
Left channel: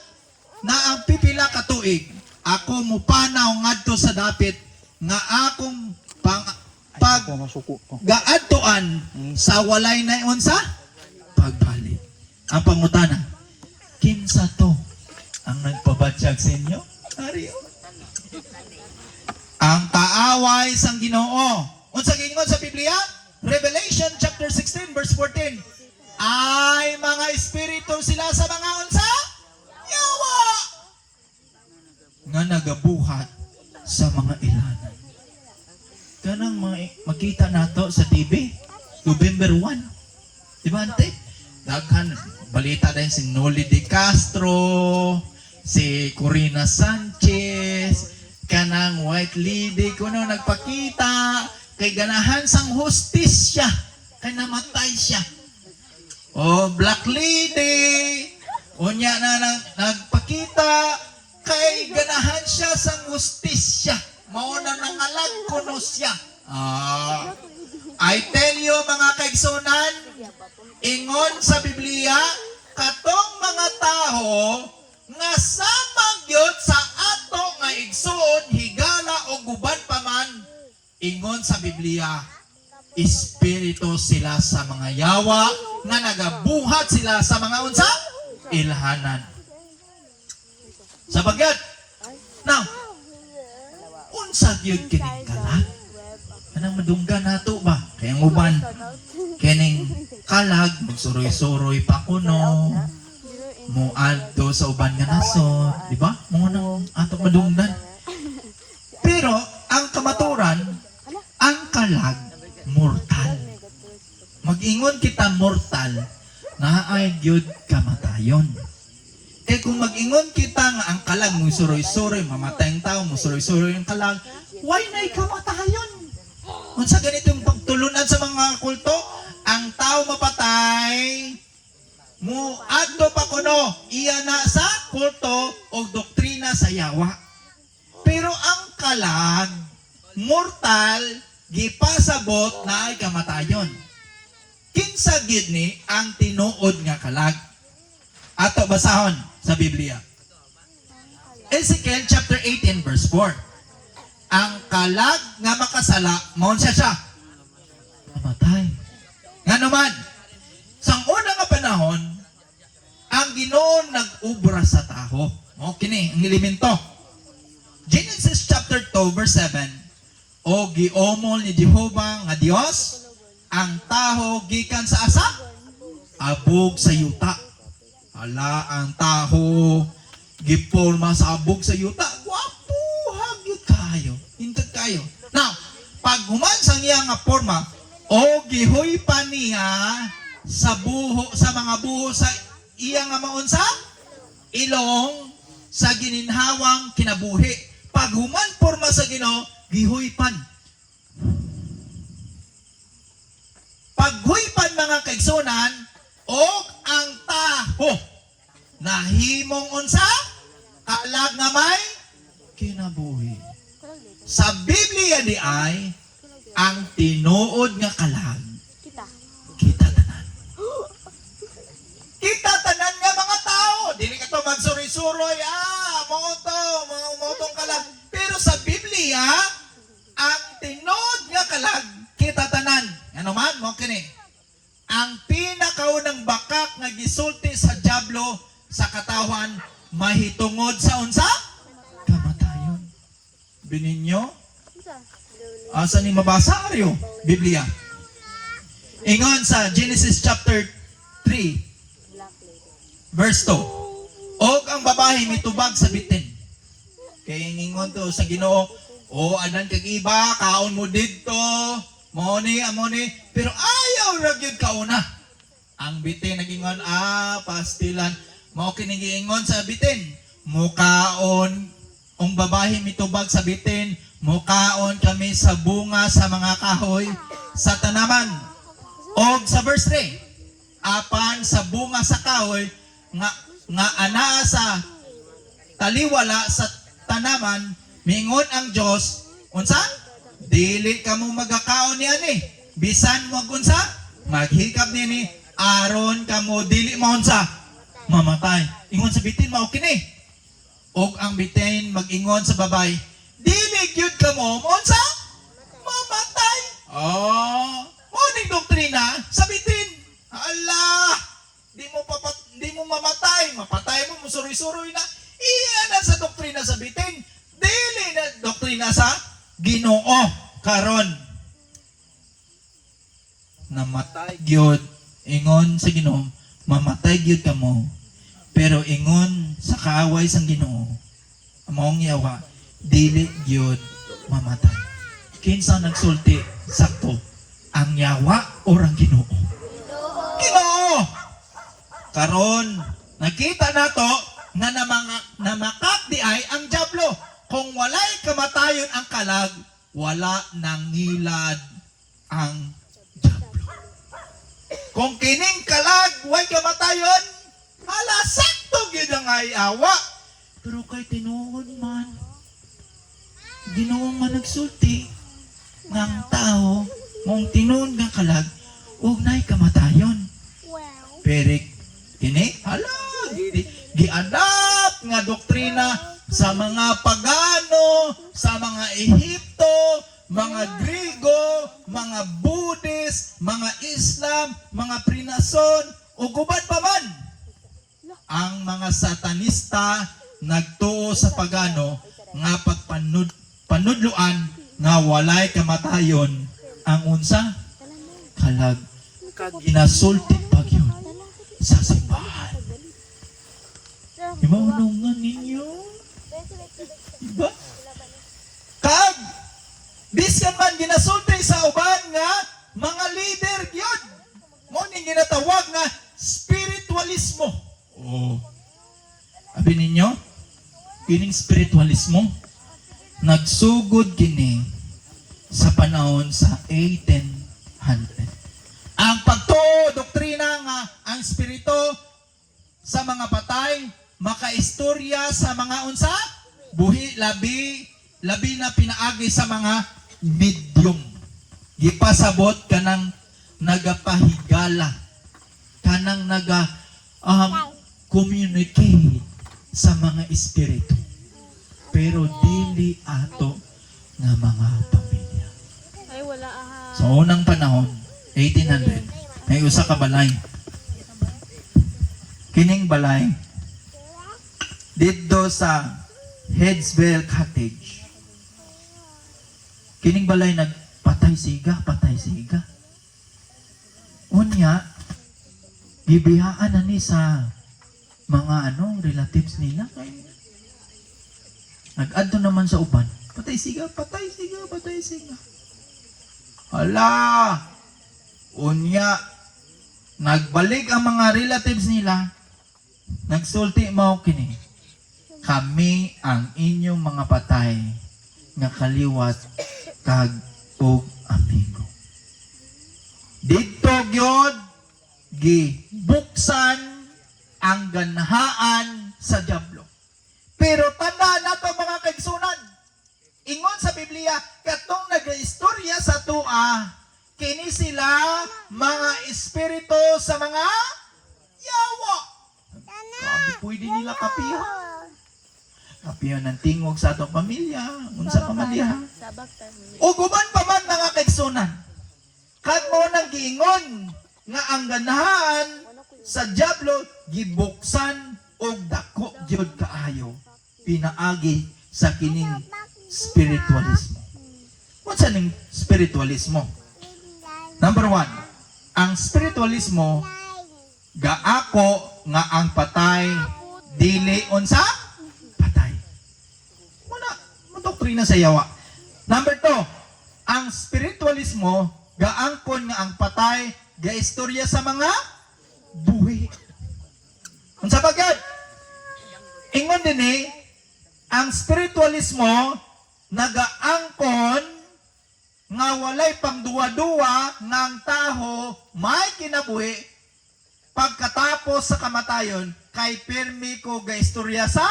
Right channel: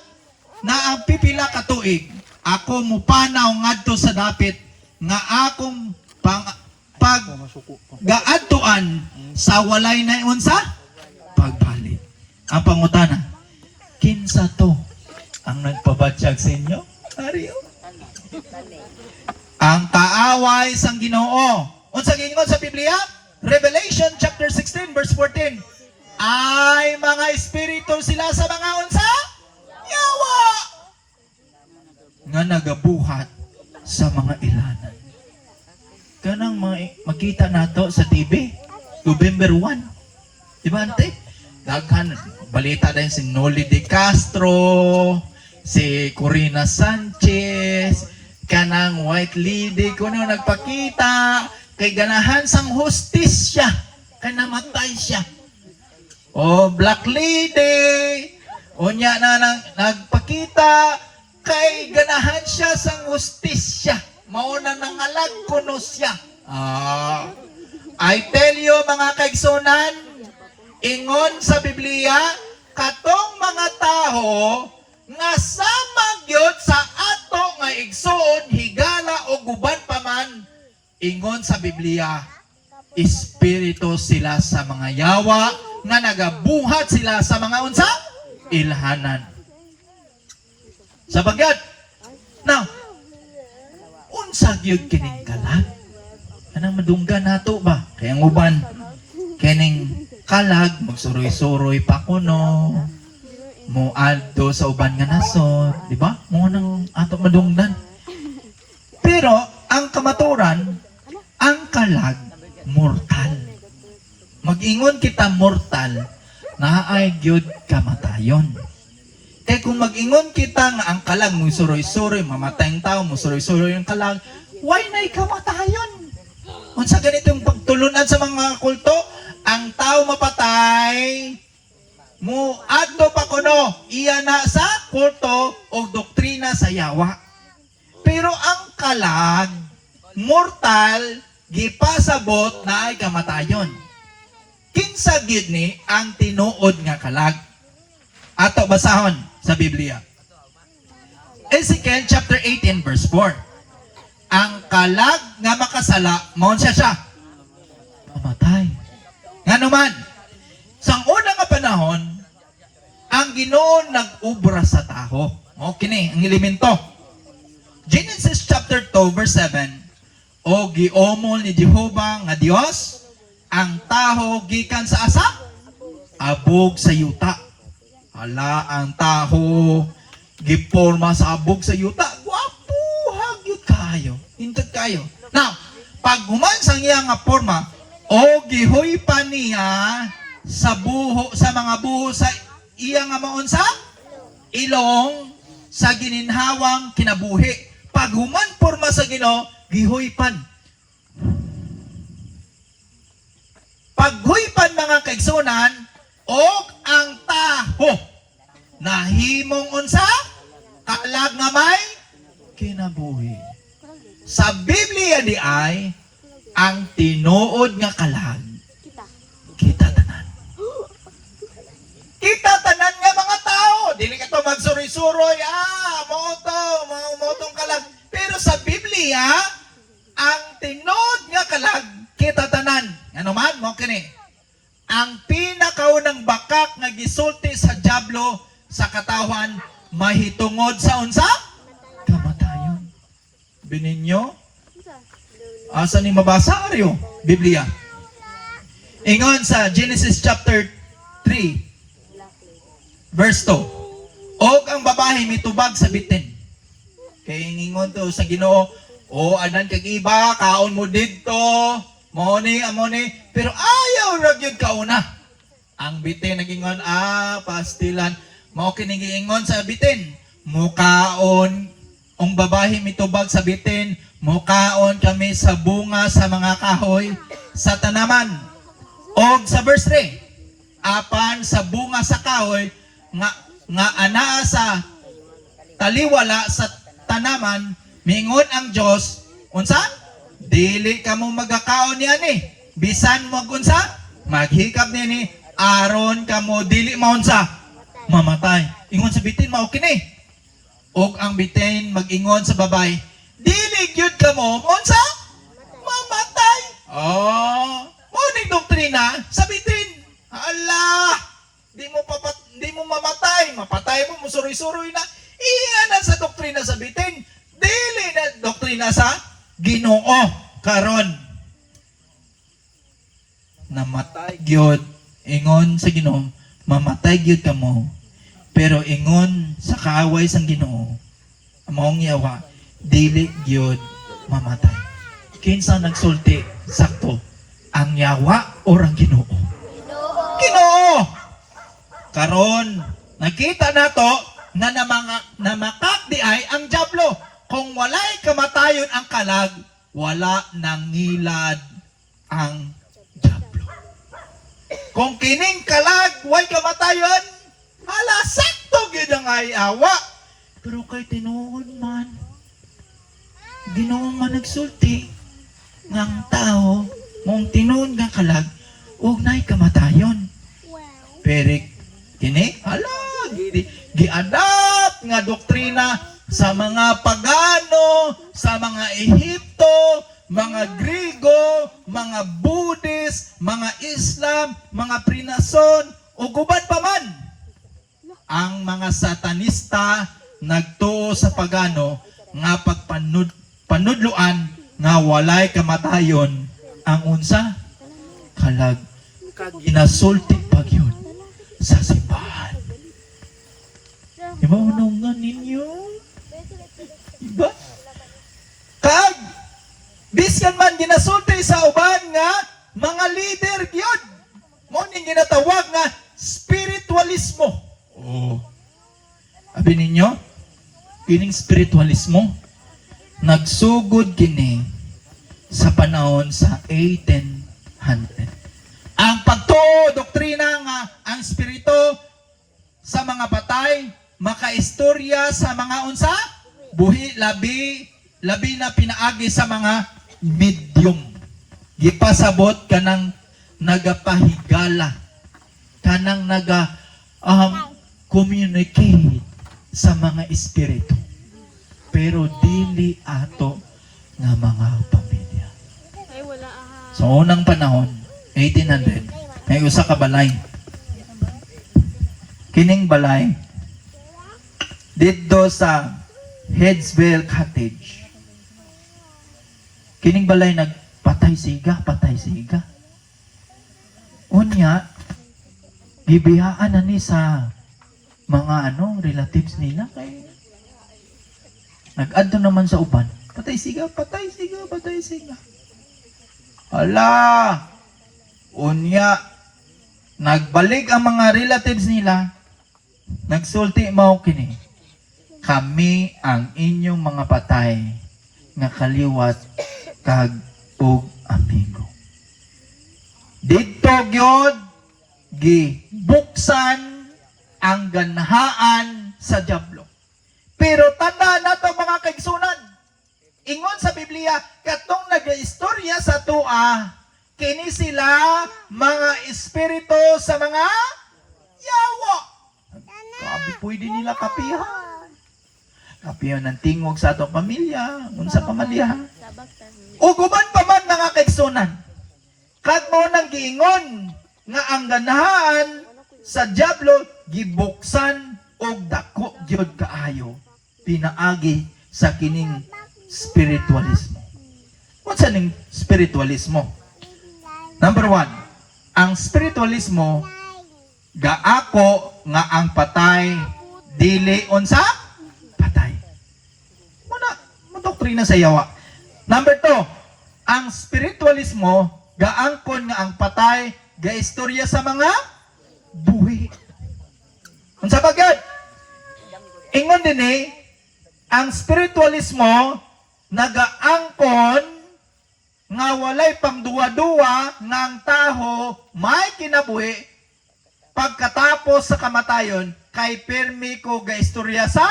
na ang pipila ka tuig, ako mupanaw ngadto sa dapit nga akong paggaadtuan sa walay na unsa pagbalik. Ang pangutana, kinsa to ang nagpabatyag sa inyo? Ariyo. Ang kaaway sang Ginoo. Unsa gingon sa Biblia? Revelation chapter 16 verse 14. Ay mga espiritu sila sa mga unsa? Yawa! Nga nagabuhat sa mga ilanan. Kanang makita nato sa TV, November 1. Diba, ante? Daghan, balita dahil si Noli De Castro, si Corina Sanchez, kanang White Lady, kuno nagpakita, kay ganahan sang hustisya, kay namatay siya. O Black Lady, unya na nagpakita, kay ganahan siya sang hustisya, mauna nangalag kuno siya. I tell you mga kaigsunan, ingon sa Biblia, katong mga taho nga sama gyud sa ato nga igsuon, higala o guban pa man, ingon sa Biblia, espiritu sila sa mga yawa nga nagabuhat sila sa mga unsa? Ilhanan. Sa bagyat. Now, unsa gyud kining kalag? Anong madunggan nato ba? Kaya uban kining kalag magsuroy-suroy pa kuno. Muadto sa uban nga nasod, di ba? Mo nang ato madunggan. Pero ang kamaturan, ang kalag mortal. Mag-ingon kita mortal, naay gyud kamatayon. Kaya kung mag-ingon kita nga ang kalag mo suroy-suroy, mamatay ang tao, mo suroy-suroy ang kalag, why na'y kamatayon? Unsa ganitong pagtulunan sa mga kulto, ang tao mapatay, mo adto pa kuno, iya na sa kulto o doktrina sa yawa. Pero ang kalag, mortal, gipasabot na ay kamatayon. Kinsa gid ni ang tinuod nga kalag? Ato basahon sa Biblia. Ezekiel chapter 18 verse 4. Ang kalag nga makasala, maun siya mamatay. Nga naman, sa unang nga panahon, ang Ginoo nag-ubra sa taho. O kini ang elemento. Genesis chapter 2 verse 7. O giomol ni Jehovah nga Dios ang taho gikan sa asa? Abog sa yuta. Hala ang taho giporma sa abog sa yuta. Wapo hagyud kayo. Hintod kayo. Now, pag human sang iya nga porma, o gihoy pa niya sa buho, sa mga buho sa iya nga maon sa ilong sa gininhawang kinabuhi. Pag human porma sa Ginoo, gihoypan. Paghuipan mga kaigsunan, o ang taho nahimong unsa? Kalag nga may kinabuhi. Sa Biblia di ay ang tinuod nga kalag kita tanan. Kita tanan nga mga tao. Dili ka to magsuri-suroy, motong kalag. Pero sa Biblia, ang tinuod nga kalag kita tanan. Ano man mo kini? Ang pinakaunang bakak nga gisulti sa diablo sa katawan mahitungod sa unsa? Kamatayon. Bininyo? Asa ni mabasa aryo? Biblia. Ingon sa Genesis chapter 3 verse 2. Og ang babae mitubag sa bitin. Kaya ingon to sa Ginoo, anan kag iba, kaon mo didto, amoni, pero ayaw ra gyud kauna. Ang bitin nagingon, pastilan, mao kini giingon sa bitin, mukaon ang babae mitubag sa bitin, mukaon kami sa bunga sa mga kahoy sa tanaman. Og sa verse 3, apan sa bunga sa kahoy nga anaa sa taliwala sa tanaman, mingon ang Dios, unsa? Dili ka mo magakaon ni ani. Bisan mo unsa? Maghikap nini, aron ka mo dili maunsa? Mamatay. Ingon sa bitin mao kini. Og ang bitin mag-ingon sa babay, dili gyud ka mo maunsa? Mamatay. Mo ning doktrina sa bitin. Allah, di mo mamatay, mapatay mo musuroy-suroy na. Iyan sa doktrina sa bitin. Dili na doktrina sa Ginoo karon. Namatay gyud ingon sa Ginoo, mamatay gyud kamo. Pero ingon sa kaaway sang Ginoo, among yawa, dili gyud mamatay. Kinsa nagsulti sakto? Ang yawa o ang Ginoo? Ginoo. Karon nakita nato na namakak di ay ang diablo. Kung walay kamatayon ang kalag, wala nang ngilad ang diablo. Kung kining kalag, way kamatayon, hala, sakto gyud ang ayawa. Pero kay tinuod man, Ginoo nga nagsulti, ng tao, mong tinuod nga kalag ug nay kamatayon. Pero kini giadapt nga doktrina sa mga pagano, sa mga Ehipto, mga Grigo, mga Buddhist, mga Islam, mga Prinason, o guban pa man. Ang mga satanista nagtuo sa pagano nga panudluan nga walay kamatayon ang unsa kalag ginasulti pagyud sa simbahan. Imaunungan ninyo? Diba? Kag biskan man ginasulti sa uban nga mga leader gyud. Mo ning ginatawag nga spiritualismo. Oh. Abi ninyo, kining spiritualismo nagsugod kini sa panahon sa 1800. Ang pagtuo doktrina nga ang spirito sa mga patay makaistorya sa mga unsa buhi labi na pinaagi sa mga medium. Gipasabot kanang nagapahigala, kanang communicate sa mga espiritu. Pero dili ato nga mga pamilya. Sa unang panahon, 1800, may usa ka balay. Kining balay dito sa Headsville Cottage. Kining balay nagpatay siga. Unya, gibiyaan na ni sa mga relatives nila kay nag-adto naman sa uban. Patay siga. Hala! Unya, nagbalik ang mga relatives nila. Nagsulti mao kini. Kami ang inyong mga patay nga kaliwat kag ug amigo. Dito gyud gibuksan ang ganhaan sa diablo. Pero tanda nato mga kaigsunan. Ingon sa Biblia katong nagaistorya sa tua kini sila mga espiritu sa mga yawa. Sabi pwede nila kapihan. Kapihan ng tingog sa atong pamilya, unsa pamilya. Uguban pa man mga kaigsunan. Kag mo nang giingon nga ang ganahan sa diablo gibuksan og dako gyud kaayo pinaagi sa kining spiritualismo. Unsa ning spiritualismo? Number 1, ang spiritualismo gaako nga ang patay dili unsa patay. Muna doktrina sa yawa. Number 2, ang spiritualismo gaangkon nga ang patay gaistorya sa mga buhi. Unsa ba gyud? Ingon dinhi ang spiritualismo nagaangkon nga walay pangduwa-duwa nga ang taho may kinabuhi pagkatapos sa kamatayon kay pirmi ko gaistorya sa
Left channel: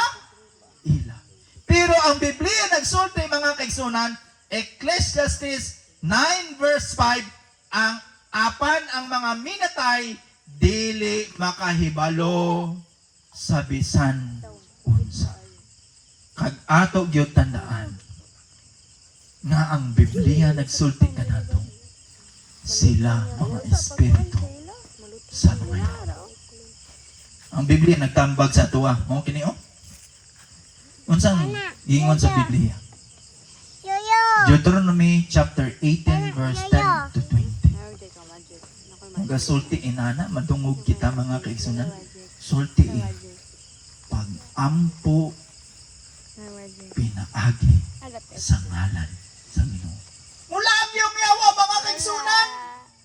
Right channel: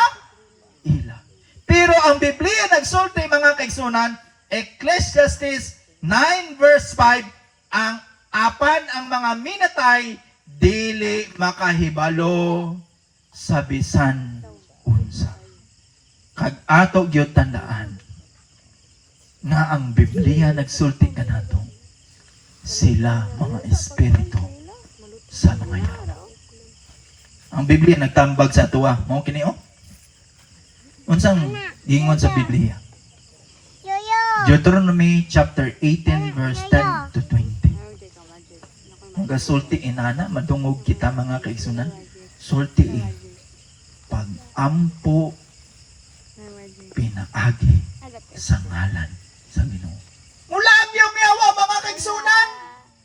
ila. Pero ang Biblia nagsulti mga kaigsunan, Ecclesiastes 9 verse 5, ang apan ang mga minatay dili makahibalo sa bisan unsa. Kag ato gyud tandaan nga ang Biblia nagsulti kanato sila mga espiritu sa mga yawa. Ang Biblia nagtambag sa tuwa. Mao kini unsang giingon sa Biblia? Deuteronomy chapter 18 verse 10 to 20. Nagasulti inana madungog kita mga kaigsunan. Sulti pag-ampo pinaagi sa ngalan sa Ginoo. Mula ang iyong yawa mga kaigsunan,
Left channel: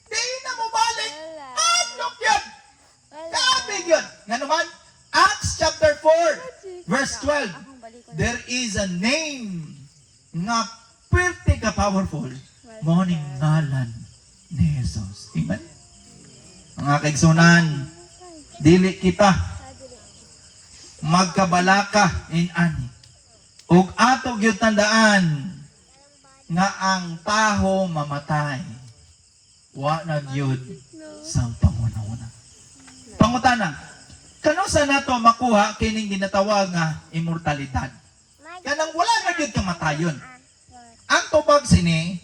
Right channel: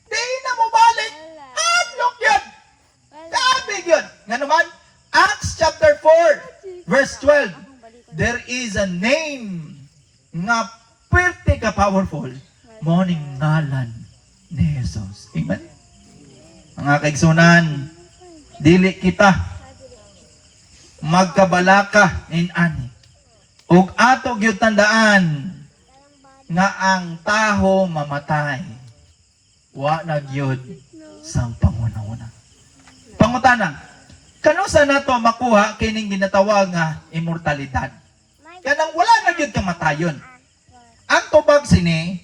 di na mo balik. Adlok yun. Kaabig yun. Nga naman, Acts chapter 4 verse 12, there is a name nga pwerte ka powerful, morning ngalan ni Jesus. Amen? Mga kaigsunan, dili kita magkabalaka in ani. Ug ato gyud tandaan nga ang taho mamatay. wa na gyud sang pangunahuna. Pangutana, kano sa nato makuha kining ginatawag nga immortalidad? Kanang wala na gyud kamatayon. Ang tubag sini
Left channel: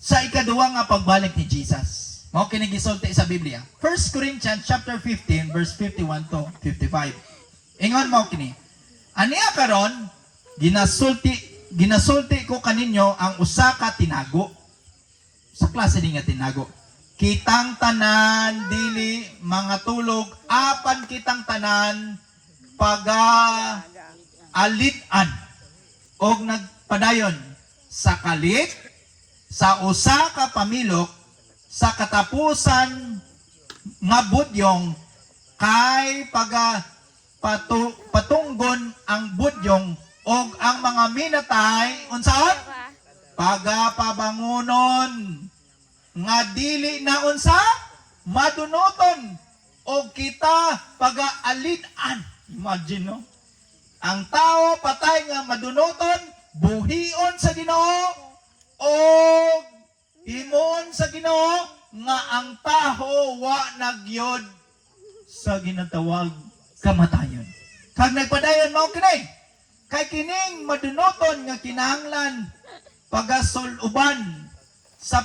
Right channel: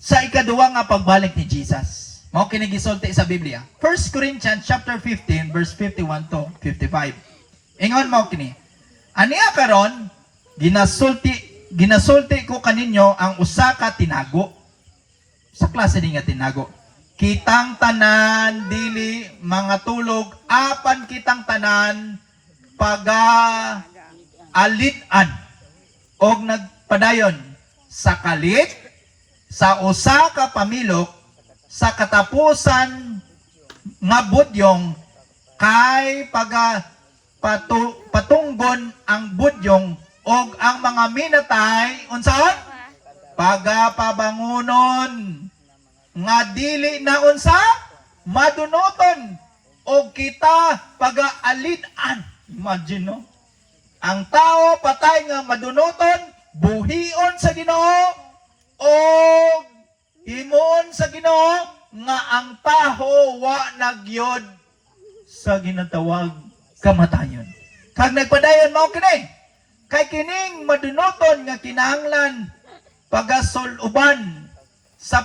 sa ikaduwa nga pagbalik ni Jesus. Mao kini gisulti sa Biblia. 1 Corinthians chapter 15 verse 51 to 55. Ingon mo kini. Aniya karon ginasulti ko kaninyo ang usa ka tinago. Sa klase ni nga tinago. Kitang tanan dili mga tulog apan kitang tanan alitan og nagpadayon sa kalit sa usa ka pamilok sa katapusan nga budyong kay patunggon ang budyong og ang mga minatay unsaon pagapabangunon nga dili na unsa madunoton og kita pagaalitan. Imagine no, ang tao patay nga madunoton buhion sa Ginoo og himuon sa Ginoo nga ang taho wa nagyod sa ginatawag kamatayon. Kag nagpadayon mao kini kay kining madunoton nga kinahanglan pagasuluban sa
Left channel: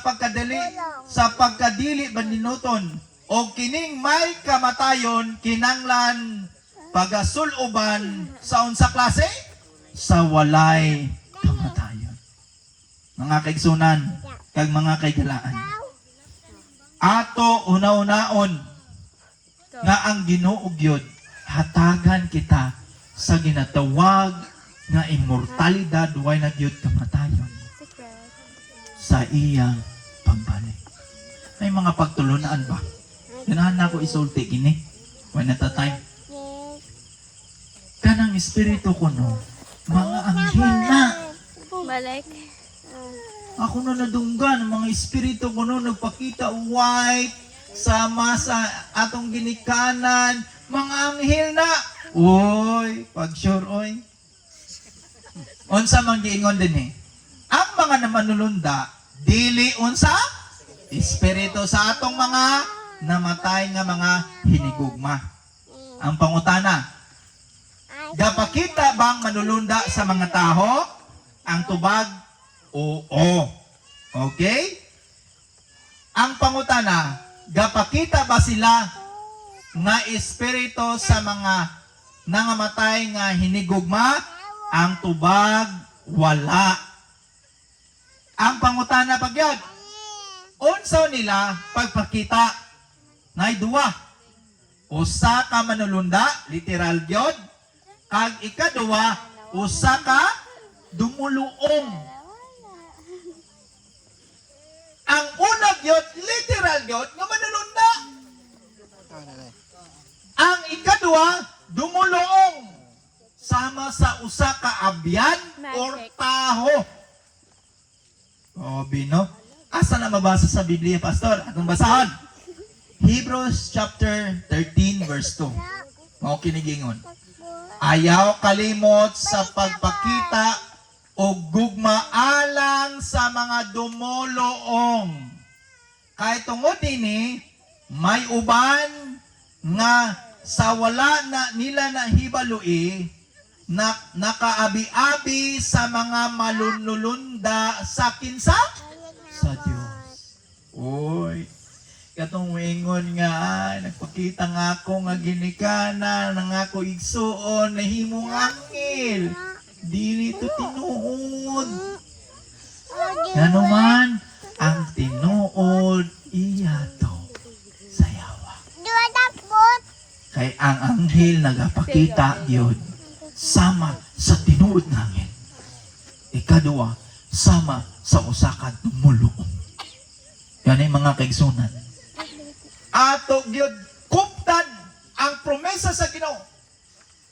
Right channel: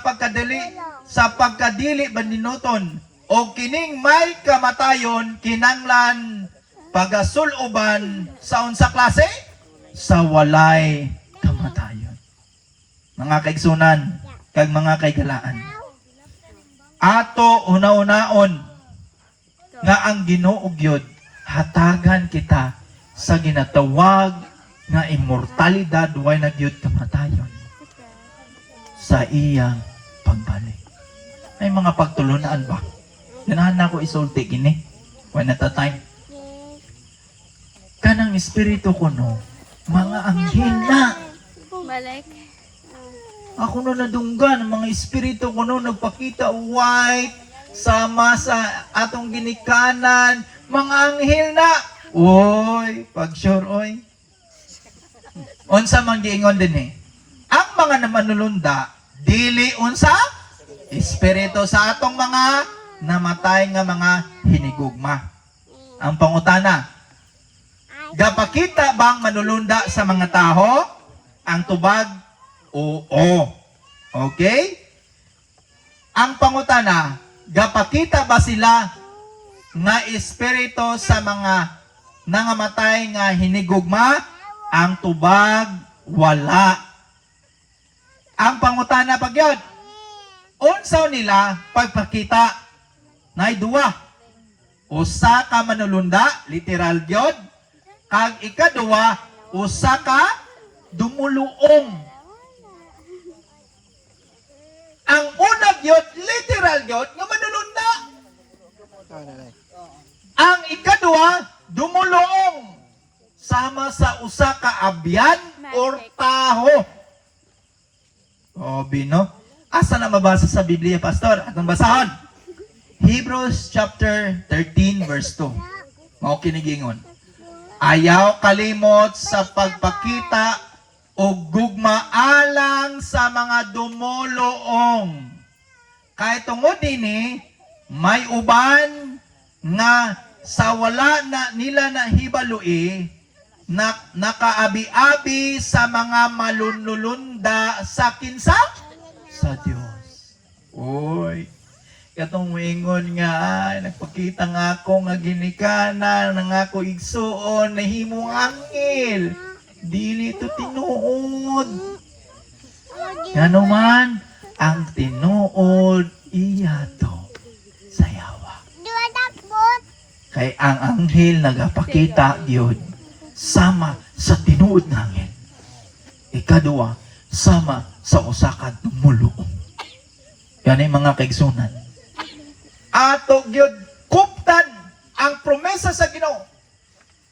pagkadili bandinuton o kining may kamatayon kinahanglan pagasuluban sa unsa klase sa walay kamatayon. Mga kaigsunan kag mga kaigalaan, ato una-unaon nga ang Ginoo gyud hatagan kita sa ginatawag nga immortalidad way na gyud kamatayon sa iyang pagbalik. May mga pagtulunaan ba? Ganahan na ko isulti kini when at a time. Kanang espiritu ko no, mga anghel na. Balik. Ako no nadunggan, mga espiritu ko no nagpakita white, sama sa atong ginikanan, mga anghel na. Oy, pag sure oy. Unsa man giingon din ang mga namanulunda, dili unsa? Espiritu sa atong mga namatay nga mga hinigugma. Ang pangutana, gapakita bang manulunda sa mga taho? Ang tubag, oo. Okay? Ang pangutana, gapakita ba sila nga espiritu sa mga nangamatay nga hinigugma? Ang tubag, wala. Ang pangutana pagyod, unsaw nila pagpakita? Ngay duwa. Usa ka manulunda, literal gyod. Kag ikaduwa, usa ka dumuluong. Ang unang gyud literal gyud nga manulunda. Ang ikaduwa dumuluong sama sa usa ka abyan or taho. Obi no? Asa na mabasa sa Biblia, pastor? Atong basahon. Hebrews chapter 13 verse 2. Mao kinigingon. Ayaw kalimot sa pagpakita o gugma alang sa mga dumoloong. Kay tungod ini may uban nga sa wala na nila na hibalui na nakaabi-abi sa mga malunulunda sa kinsa? Sa Dios. Oy, katong moingon nga nagpakita nga ako nga ginikanan nga ako igsuon na himong angel. Dili to tinuod. Ngano man ang tinuod iya to sayawa. Kay ang anghel nagapakita gyud sama sa tinuod nga angel. Ikaduwa, sama sa usa ka dumuluong. Yan ay mga kaigsunan. Ato gyud kuptan ang promesa sa Ginoo.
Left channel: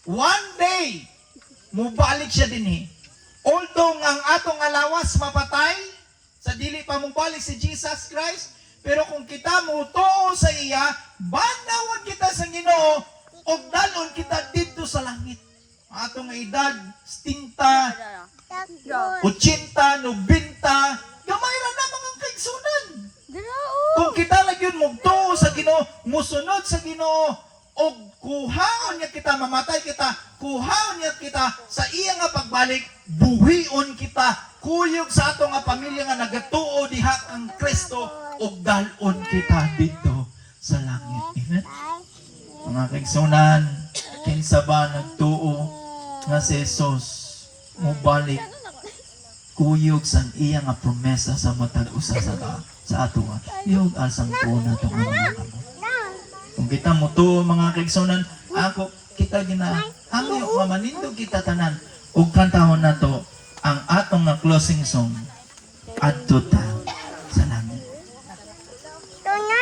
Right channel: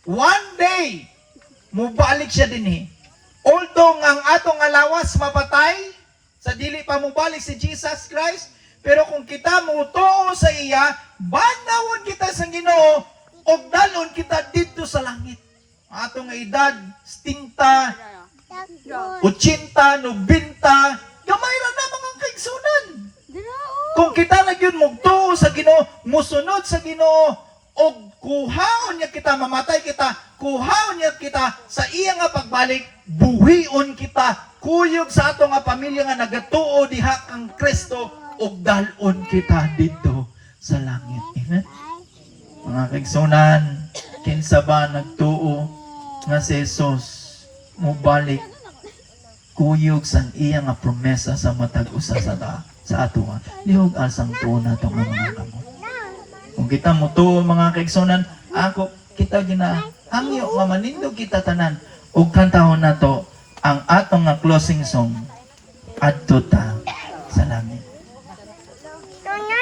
One day mubalik siya dinhi. Although ang atong alawas mapatay, sa dili pa mubalik si Jesus Christ, pero kung kita mutuo sa iya, banawon kita sa Ginoo og dalon kita didto sa langit. Atong edad 70, 80, 90, gamay ra na mga kaigsunan. Kung kita na yun mugtuo sa Ginoo, musunod sa Ginoo, og kuhaon niya kita, mamatay kita, kuhaon niya kita sa iya nga pagbalik, buhion kita, kuyog sa ato nga pamilya nga nagatuo diha ang Kristo, og dalon kita dito sa langit. Amen? Mga kaigsunan, kinsa ba nagtuo nga si Jesus mubalik kuyog sa iya nga promesa sa matag usa sa ato nga lihog asang tuo nato nga mga kamot. Kung kita mo tuo mga kaigsunan, ako kita hangyo nga manindog kita tanan ug kantahon nato ang atong nga closing song adto ta sa langit.